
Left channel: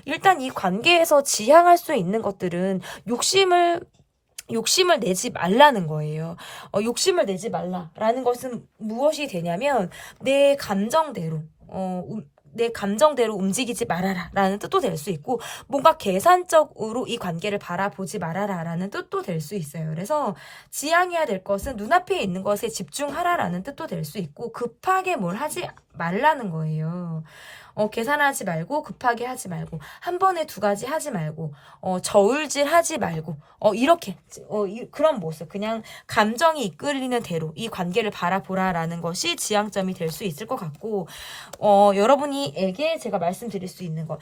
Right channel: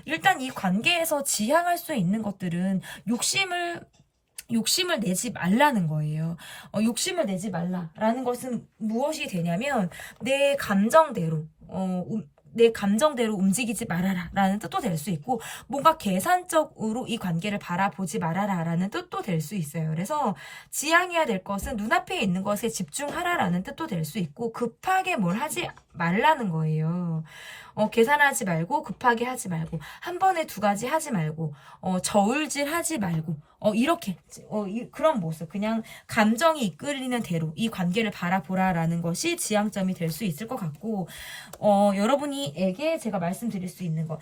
일단 이 관계에서 지향할 수 있는 것들은 욕심을 내지 말라는 거예요. 욕심을 내지 말라라는 것은 무엇이 되냐면 내 감정대로 움직이지 말아라 라는 뜻도 될 수 있고 뭔가 계산적으로 이 관계를 바라보지 말아라 라는 뜻도 될 수 있어요. 그래서 지향해야 될 것은 눈앞에 있는 것에 집중하라 라는 뜻도 될 수 있고 급하게 뭘 하지 말라는 거예요. 계산하지 말고 급하게 하지 말고 한 번에 두 가지 하지 말고 저울질 하지 말고 이렇게 그런 모습 그냥 감정이 이끌리는 대로 이 관계를 바라보라라는 것이 지향점이 될 수 있을 것 같고 여러분에게 제가 말씀드릴 수 있는 것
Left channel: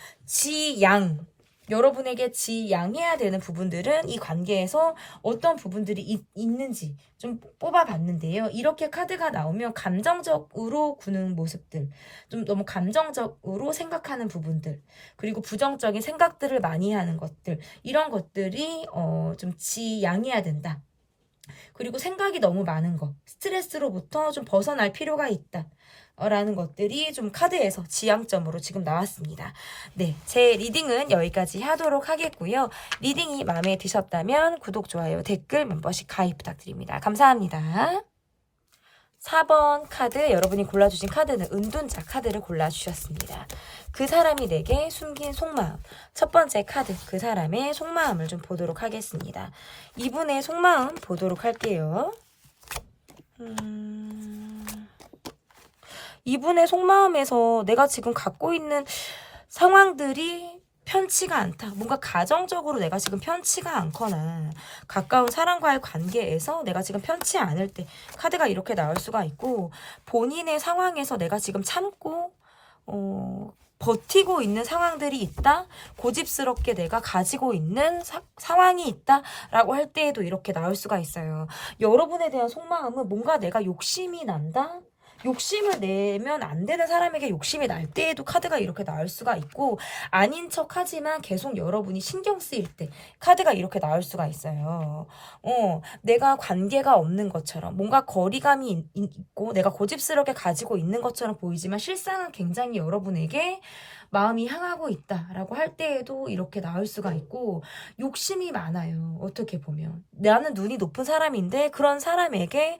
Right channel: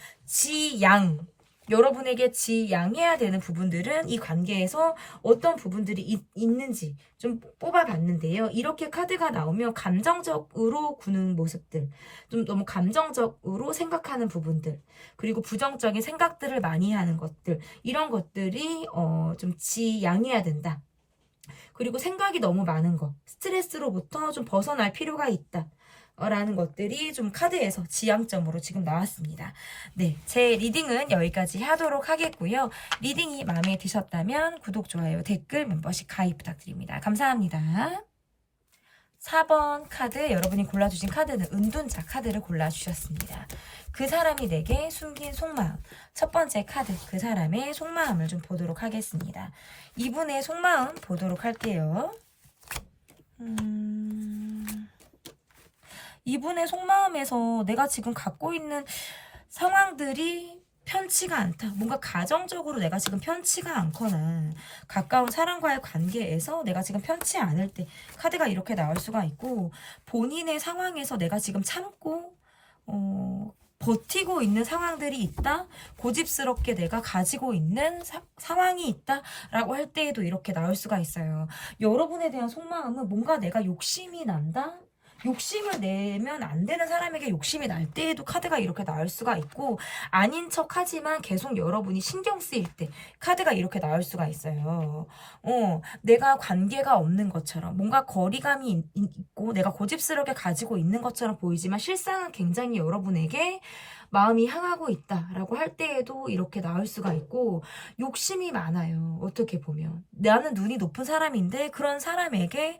여러분에게 지양해야 되는 부분들은 이 관계에서 어떤 부분들이 있는지 좀 뽑아봤는데요. 이렇게 카드가 나오면 감정적으로 구는 모습들, 좀 너무 감정적으로 생각하는 부분들, 그리고 부정적인 생각들을 많이 하는 것들, 이런 것들이 좀 지양해야 된다. 그리고 생각이 너무 많은 것, 스트레스로부터 좀 벗어날 필요가 있다. 라는 것들이 좀 카드에서 지향점으로 지금 나왔습니다. 네, 제 리딩은 여기까지 하도록 하겠고요. 리딩이 마음에 드셨다면 구독, 좋아요, 댓글, 멤버십 가입 부탁드립니다. 감사합니다. 4번 카드, 여러분이 골라주신 카드는 은둔자 카드를 골라주셨습니다. 그 사람이 내게 숨긴 속마음. 첫 번째 카드, 그 사람의 속마음을 좀 보도록 하겠습니다. 이분의 속마음 보도록 할게요. 이분의 속마음에서 내가 지금 갖고 있는 상황들이 편치가 않다. 뭔가 가정적으로 내가 지금 편치가 않거나 가까운 사람과의 관계에서 내가 지금 편치 않을 때 카드가 이렇게 나올 수가 있고, 본인의 상황에서 내가 지금 참고 버티고 있는 상황들이 있다. 고집스럽게 내가 가지고 있는 상황이 있다 라고 할 때에도 이렇게 나올 수가 있어요. 여러분에 대한 속마음은 뭔가 내가 욕심이 난다. 욕심을 내면 안 되는 사람에게 욕심이 날 때에도 카드가 이렇게 나올 수가 있고, 아닌 척 하지만 계속 여러분이 신경 쓰일 때 카드가 이렇게 나올 수가 있어요. 내가 관계가 없는 것처럼 뭔가 거리감이 있고 내가 고집스럽게 가지고 있는 것처럼 보이지만 실상은 굉장히 여러분에게 마음이 향하고 있다라고 할 때에도 이렇게 나올 수가 있고, 욕심이 많아요. 어떻게 보면 나는 눈이 높은 사람인데 그런 사람에게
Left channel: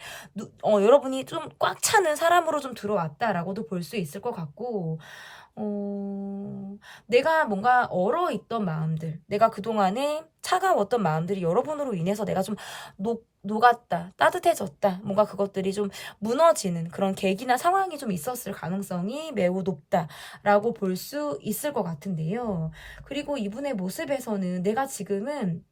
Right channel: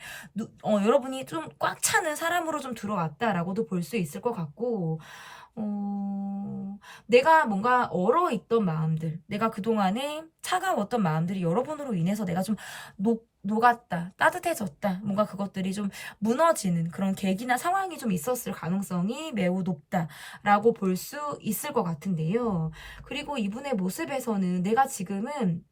여러분이 좀 꽉 차는 사람으로 좀 들어왔다라고도 볼 수 있을 것 같고, 내가 뭔가 얼어있던 마음들, 내가 그동안에 차가웠던 마음들이 여러분으로 인해서 내가 좀 녹았다, 따뜻해졌다, 뭔가 그것들이 좀 무너지는 그런 계기나 상황이 좀 있었을 가능성이 매우 높다라고 볼 수 있을 것 같은데요. 그리고 이분의 모습에서는 내가 지금은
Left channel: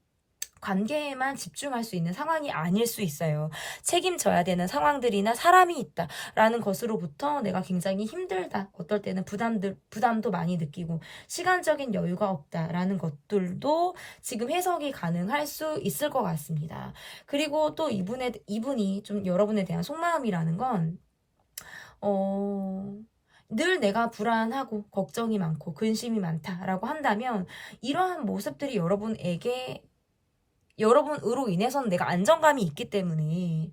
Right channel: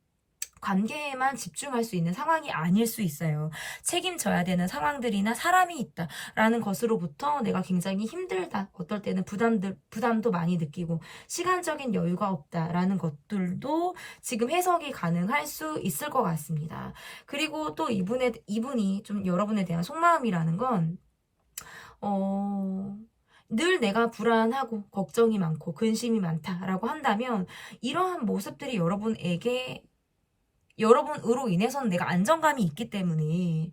관계에만 집중할 수 있는 상황이 아닐 수 있어요. 책임져야 되는 상황들이나 사람이 있다라는 것으로부터 내가 굉장히 힘들다. 어떨 때는 부담도 많이 느끼고 시간적인 여유가 없다라는 것들도 지금 해석이 가능할 수 있을 것 같습니다. 그리고 또 이분이 좀 여러분에 대한 속마음이라는 건 늘 내가 불안하고 걱정이 많고 근심이 많다라고 한다면, 이러한 모습들이 여러분으로 인해서는 내가 안정감이 있기 때문에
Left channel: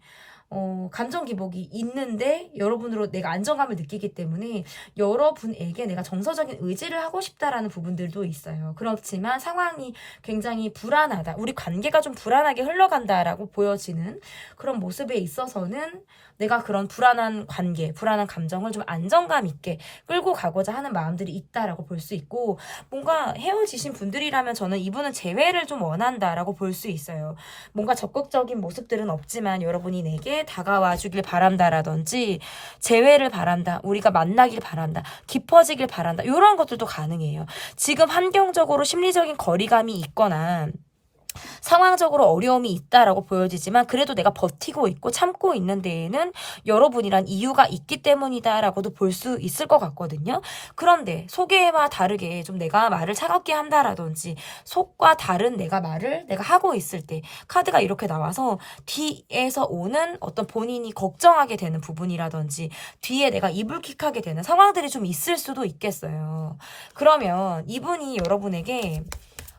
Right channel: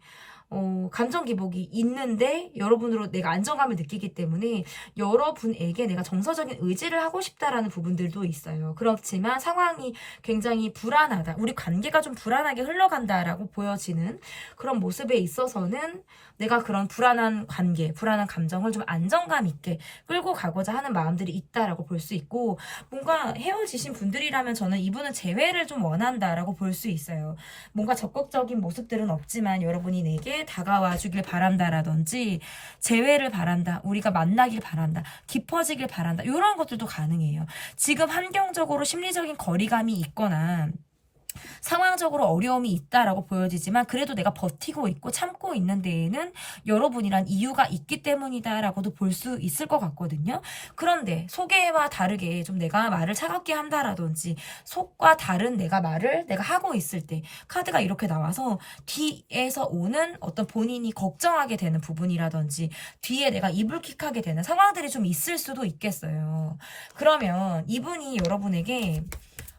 감정 기복이 있는데 여러분으로 내가 안정감을 느끼기 때문에 여러분에게 내가 정서적인 의지를 하고 싶다라는 부분들도 있어요. 그렇지만 상황이 굉장히 불안하다, 우리 관계가 좀 불안하게 흘러간다라고 보여지는 그런 모습에 있어서는 내가 그런 불안한 관계, 불안한 감정을 좀 안정감 있게 끌고 가고자 하는 마음들이 있다라고 볼 수 있고, 뭔가 헤어지신 분들이라면 저는 이분은 재회를 좀 원한다라고 볼 수 있어요. 뭔가 적극적인 모습들은 없지만 여러분이 내게 다가와 주길 바란다라든지 재회를 바란다, 우리가 만나길 바란다, 깊어지길 바란다, 이런 것들도 가능해요. 지금 환경적으로 심리적인 거리감이 있거나 상황적으로 어려움이 있다라고 보여지지만 그래도 내가 버티고 있고 참고 있는 데에는 여러분이란 이유가 있기 때문이다라고도 볼 수 있을 것 같거든요. 그런데 속에와 다르게 좀 내가 말을 차갑게 한다라든지 속과 다른 말을 내가 하고 있을 때 카드가 이렇게 나와서 뒤에서 오는 어떤 본인이 걱정하게 되는 부분이라든지 뒤에 내가 이불킥하게 되는 상황들이 좀 있을 수도 있겠어요. 그러면 이분이 여러분에게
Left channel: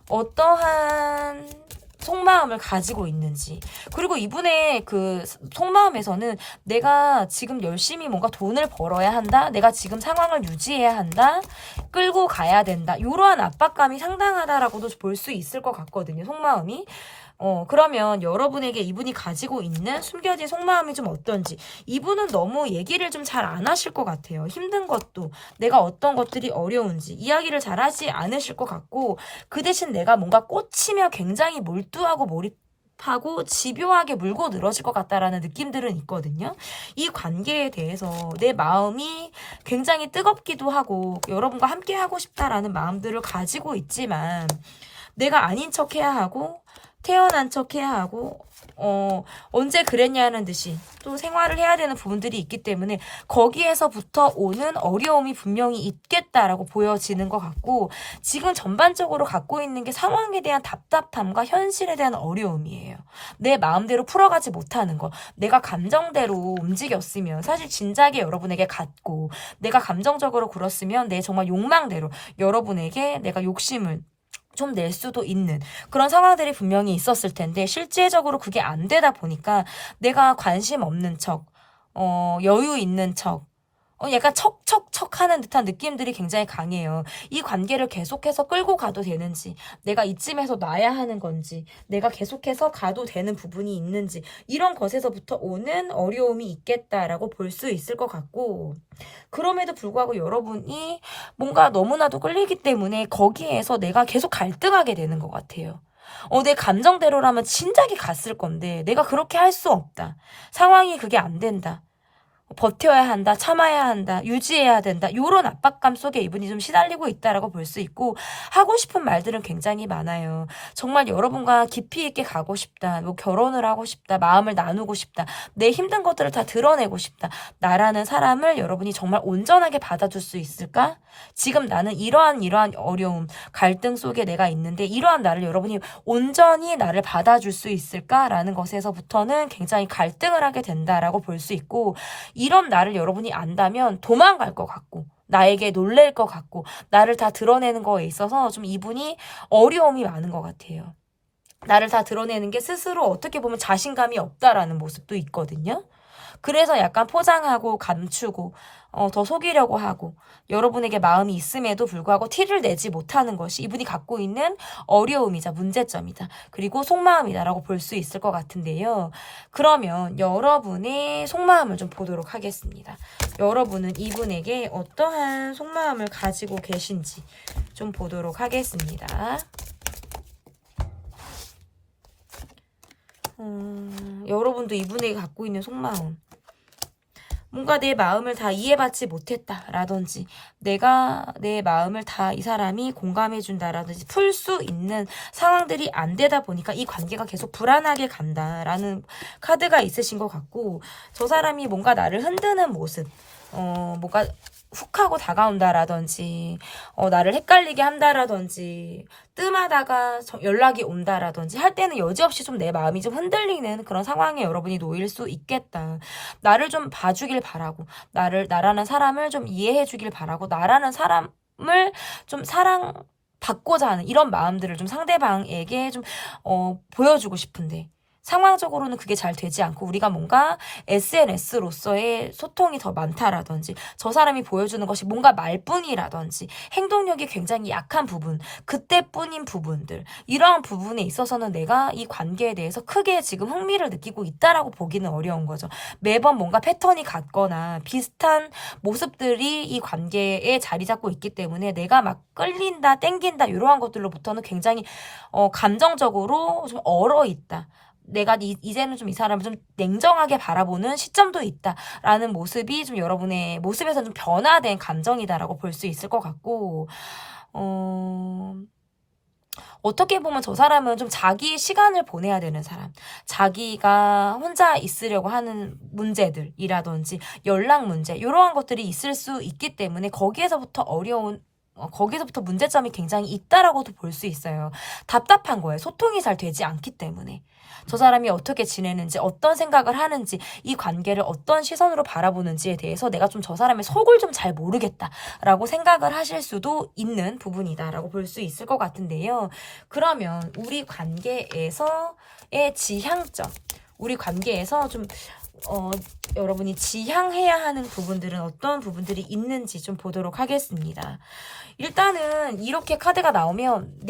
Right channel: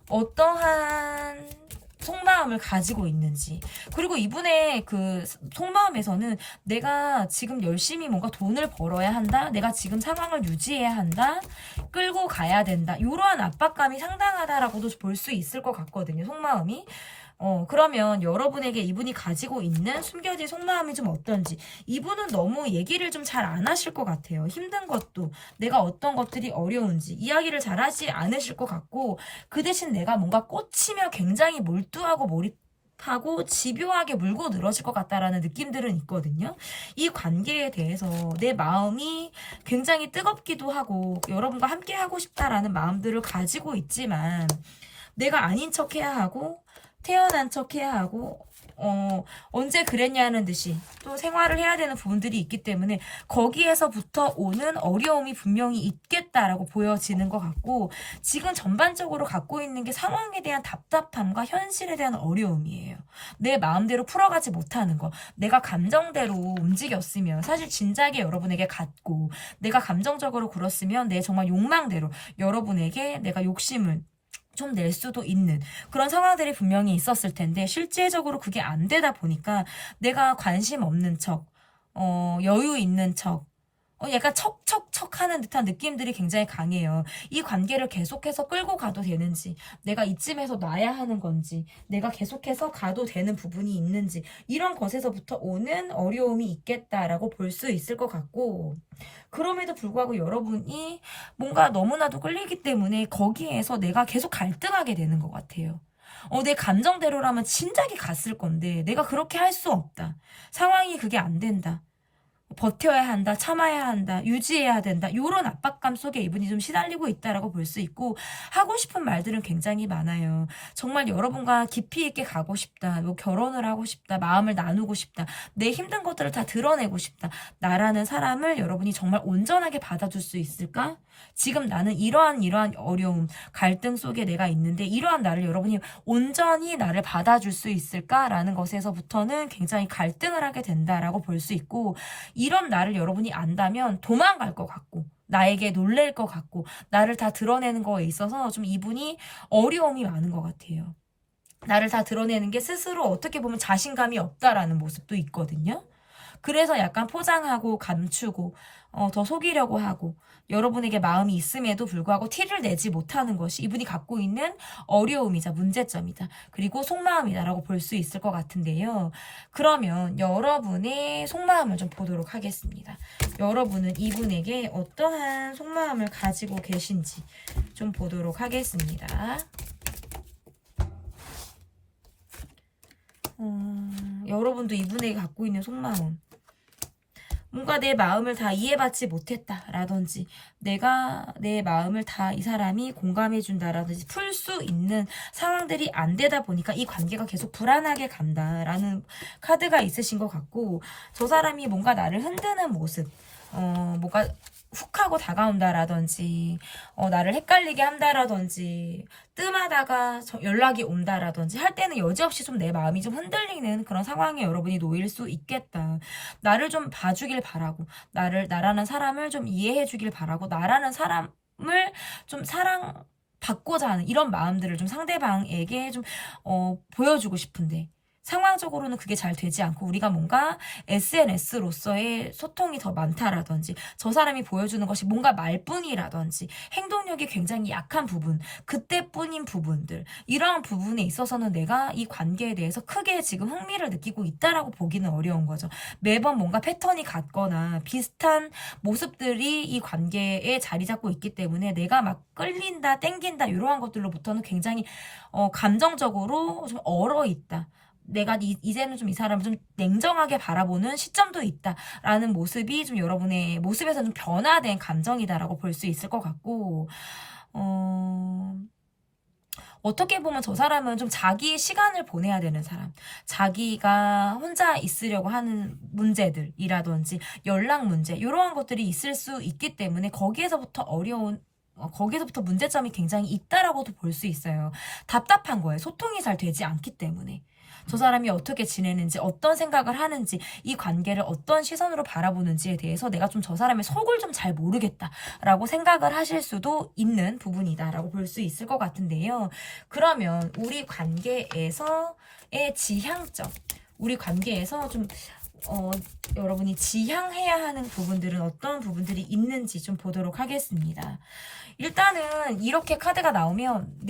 어떠한 속마음을 가지고 있는지, 그리고 이분의 그 속마음에서는 내가 지금 열심히 뭔가 돈을 벌어야 한다, 내가 지금 상황을 유지해야 한다, 끌고 가야 된다, 이러한 압박감이 상당하다라고도 볼 수 있을 것 같거든요, 속마음이. 그러면 여러분에게 이분이 가지고 있는 숨겨진 속마음이 좀 어떤지, 이분은 너무 얘기를 좀 잘 안 하실 것 같아요. 힘든 것도, 내가 어떤 것들이 어려운지 이야기를 잘 하지 않으실 것 같고, 그 대신 내가 뭔가 꽂히면 굉장히 몰두하고 몰입하고 집요하게 물고 늘어질 것 같다라는 느낌들은 있거든요. 이 관계에 대해서 내 마음이 굉장히 뜨겁기도 하고 여러분과 함께 하고 싶다라는 마음들을 가지고 있지만, 내가 아닌 척 해야 하고 태어난 척 해야 하고 언제 그랬냐는 듯이 또 생활을 해야 되는 부분들이 있기 때문에 거기에서부터 오는 어려움이 분명히 있겠다라고 보여지는 것 같고, 지금 전반적으로 갖고 있는 게 상황에 대한 답답함과 현실에 대한 어려움이에요. 내 마음대로 풀어가지 못하는 거, 내가 감정대로 움직였으면 사실 진작에 여러분에게 갔고, 내가 감정적으로 굴었으면 내 정말 욕망대로 여러분에게 내가 욕심을 좀 낼 수도 있는 그런 상황들이 분명히 있었을 텐데, 실제적으로 그게 안 되다 보니까 내가 관심 없는 척, 여유 있는 척, 약간 척척척 하는 듯한 느낌들이 굉장히 강해요. 이 관계를 계속해서 끌고 가도 되는지, 내가 이쯤에서 놔야 하는 건지, 내가 계속해서 가도 되는 부분이 있는지, 이런 것에서부터 오는 어려움이 있겠다라고 볼 수 있을 것 같고, 그럼에도 불구하고 여러분이 뭔가 너무나도 끌리기 때문에 거기에서 내가 계속 갈등하게 되는 것 같아요. 내 감정대로라면 진작에 갔을 건데, 내가 그렇게 할 수 없다. 상황이 그게 안 된다. 버텨야 한다, 참아야 한다, 유지해야 된다. 이런 압박감 속에 이분이 좀 시달리고 있다라고 볼 수 있고, 하고 싶은 말들은 굉장히 많아요. 정말 여러분과 깊이 있게 가고 싶다, 뭐 결혼을 하고 싶다, 마음을 나누고 싶다, 내 힘든 것들을 다 드러내고 싶다. 나라는 사람을 여러분이 정말 온전하게 받아줄 수 있을까? 지금 나는 이러한 어려움, 갈등 속에 내가 있는데 이러한 나를 여러분이 온전히 나를 받아줄 수 있을까라는 것에서부터는 굉장히 갈등을 하게 된다라고 볼 수 있고, 이런 나를 여러분이 안다면 도망갈 것 같고, 나에게 놀랄 것 같고, 나를 다 드러내는 거에 있어서 좀 이분이 어려움이 많은 것 같아요. 나를 다 드러내는 게 스스로 어떻게 보면 자신감이 없다라는 모습도 있거든요. 그래서 약간 포장하고 감추고 더 속이려고 하고, 여러분에게 마음이 있음에도 불구하고 티를 내지 못하는 것이 이분이 갖고 있는 어려움이자 문제점이다. 그리고 속마음이다라고 볼 수 있을 것 같은데요. 그러면 여러분의 속마음을 좀 보도록 하겠습니다. 여러분은 이분에게 어떠한 속마음을 가지고 계신지 좀 보도록 하겠습니다. 여러분도 이분에게 갖고 있는 속마음. 뭔가 내 마음을 다 이해받지 못했다라든지, 내가 내 마음을 다 이 사람이 공감해준다라든지 풀 수 있는 상황들이 안 되다 보니까 이 관계가 계속 불안하게 간다라는 카드가 있으신 것 같고, 저 사람이 뭔가 나를 흔드는 모습, 뭔가 훅 하고 다가온다라든지, 나를 헷갈리게 한다라든지, 뜸하다가 연락이 온다라든지 할 때는 여지없이 좀 내 마음이 좀 흔들리는 그런 상황에 여러분이 놓일 수 있겠다. 나를 좀 봐주길 바라고, 나라는 사람을 좀 이해해주길 바라고, 나라는 사람을 좀 사랑받고자 하는 이런 마음들을 좀 상대방에게 좀 보여주고 싶은데, 상황적으로는 그게 잘 되지 않고, 우리가 뭔가 SNS로서의 소통이 더 많다라든지, 저 사람이 보여주는 것이 뭔가 말뿐이라든지 행동력이 굉장히 약한 부분, 그때뿐인 부분들, 이러한 부분에 있어서는 내가 이 관계에 대해서 크게 지금 흥미를 느끼고 있다라고 보기는 어려운 거죠. 매번 뭔가 패턴이 같거나 비슷한 모습들이 이 관계에 자리 잡고 있기 때문에 내가 막 끌린다, 땡긴다 이러한 것들로부터는 굉장히 감정적으로 좀 얼어있다. 내가 이제는 좀 이 사람을 좀 냉정하게 바라보는 시점도 있다라는 모습이 좀 여러분의 모습에서 좀 변화된 감정이다라고 볼 수 있을 것 같고, 어떻게 보면 저 사람은 좀 자기 시간을 보내야 되는 사람, 자기가 혼자 있으려고 하는 문제들이라든지 연락 문제, 이러한 것들이 있을 수 있기 때문에 거기에서부터 문제점이 굉장히 있다라고도 볼 수 있어요. 답답한 거예요. 소통이 잘 되지 않기 때문에. 저 사람이 어떻게 지내는지, 어떤 생각을 하는지, 이 관계를 어떤 시선으로 바라보는지에 대해서 내가 좀 저 사람의 속을 좀 잘 모르겠다라고 생각을 하실 수도 있는 부분이다라고 볼 수 있을 것 같은데요. 그러면 우리 관계에서의 지향점, 우리 관계에서 좀 여러분이 지향해야 하는 부분들은 어떤 부분들이 있는지 좀 보도록 하겠습니다. 일단은 이렇게 카드가 나오면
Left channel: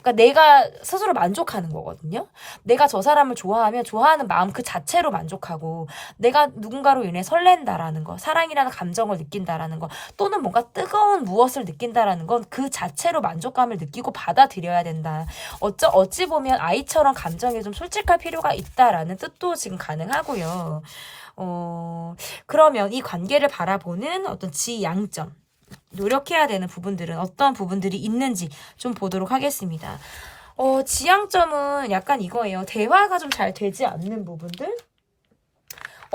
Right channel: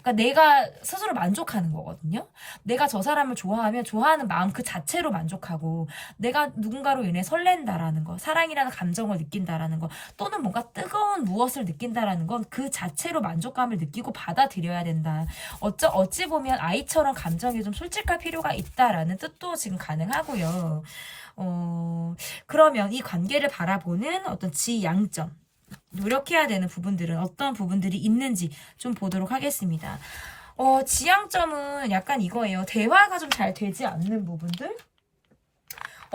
그러니까 내가 스스로 만족하는 거거든요. 내가 저 사람을 좋아하면 좋아하는 마음 그 자체로 만족하고, 내가 누군가로 인해 설렌다라는 거, 사랑이라는 감정을 느낀다라는 거, 또는 뭔가 뜨거운 무엇을 느낀다라는 건 그 자체로 만족감을 느끼고 받아들여야 된다. 어찌 보면 아이처럼 감정에 좀 솔직할 필요가 있다라는 뜻도 지금 가능하고요. 그러면 이 관계를 바라보는 어떤 지향점, 노력해야 되는 부분들은 어떤 부분들이 있는지 좀 보도록 하겠습니다. 지향점은 약간 이거예요. 대화가 좀 잘 되지 않는 부분들?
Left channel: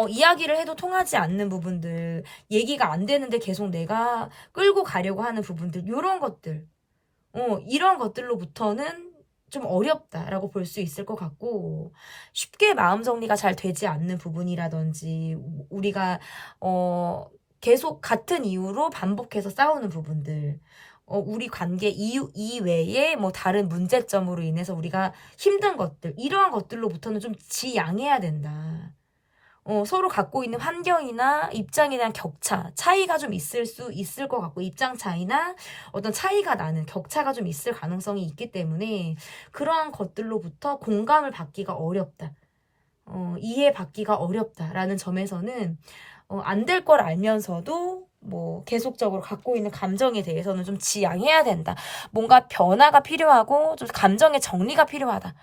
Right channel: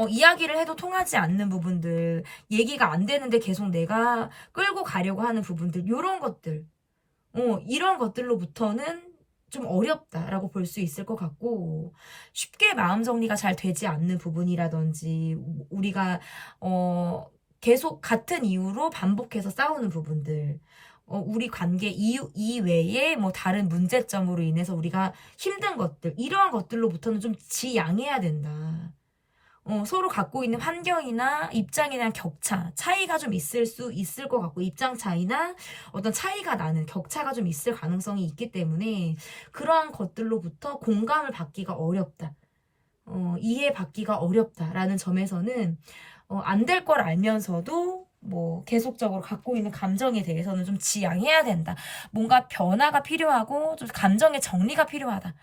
이야기를 해도 통하지 않는 부분들, 얘기가 안 되는데 계속 내가 끌고 가려고 하는 부분들, 요런 것들. 이런 것들로부터는 좀 어렵다라고 볼 수 있을 것 같고, 쉽게 마음 정리가 잘 되지 않는 부분이라든지, 우리가 계속 같은 이유로 반복해서 싸우는 부분들, 우리 관계 이유 이외에 뭐 다른 문제점으로 인해서 우리가 힘든 것들, 이러한 것들로부터는 좀 지양해야 된다. 서로 갖고 있는 환경이나 입장에 대한 격차, 차이가 좀 있을 수 있을 것 같고, 입장 차이나 어떤 차이가 나는 격차가 좀 있을 가능성이 있기 때문에 그러한 것들로부터 공감을 받기가 어렵다. 이해받기가 어렵다라는 점에서는 안 될 걸 알면서도 뭐 계속적으로 갖고 있는 감정에 대해서는 좀 지양해야 된다. 뭔가 변화가 필요하고 좀 감정의 정리가 필요하다.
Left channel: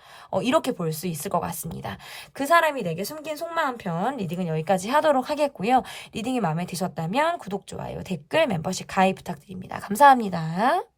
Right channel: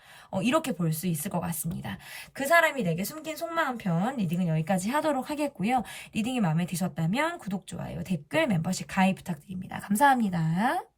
이렇게 볼 수 있을 것 같습니다. 그 사람이 내게 숨긴 속마음 편 리딩은 여기까지 하도록 하겠고요. 리딩이 마음에 드셨다면 구독, 좋아요, 댓글, 멤버십 가입 부탁드립니다. 감사합니다.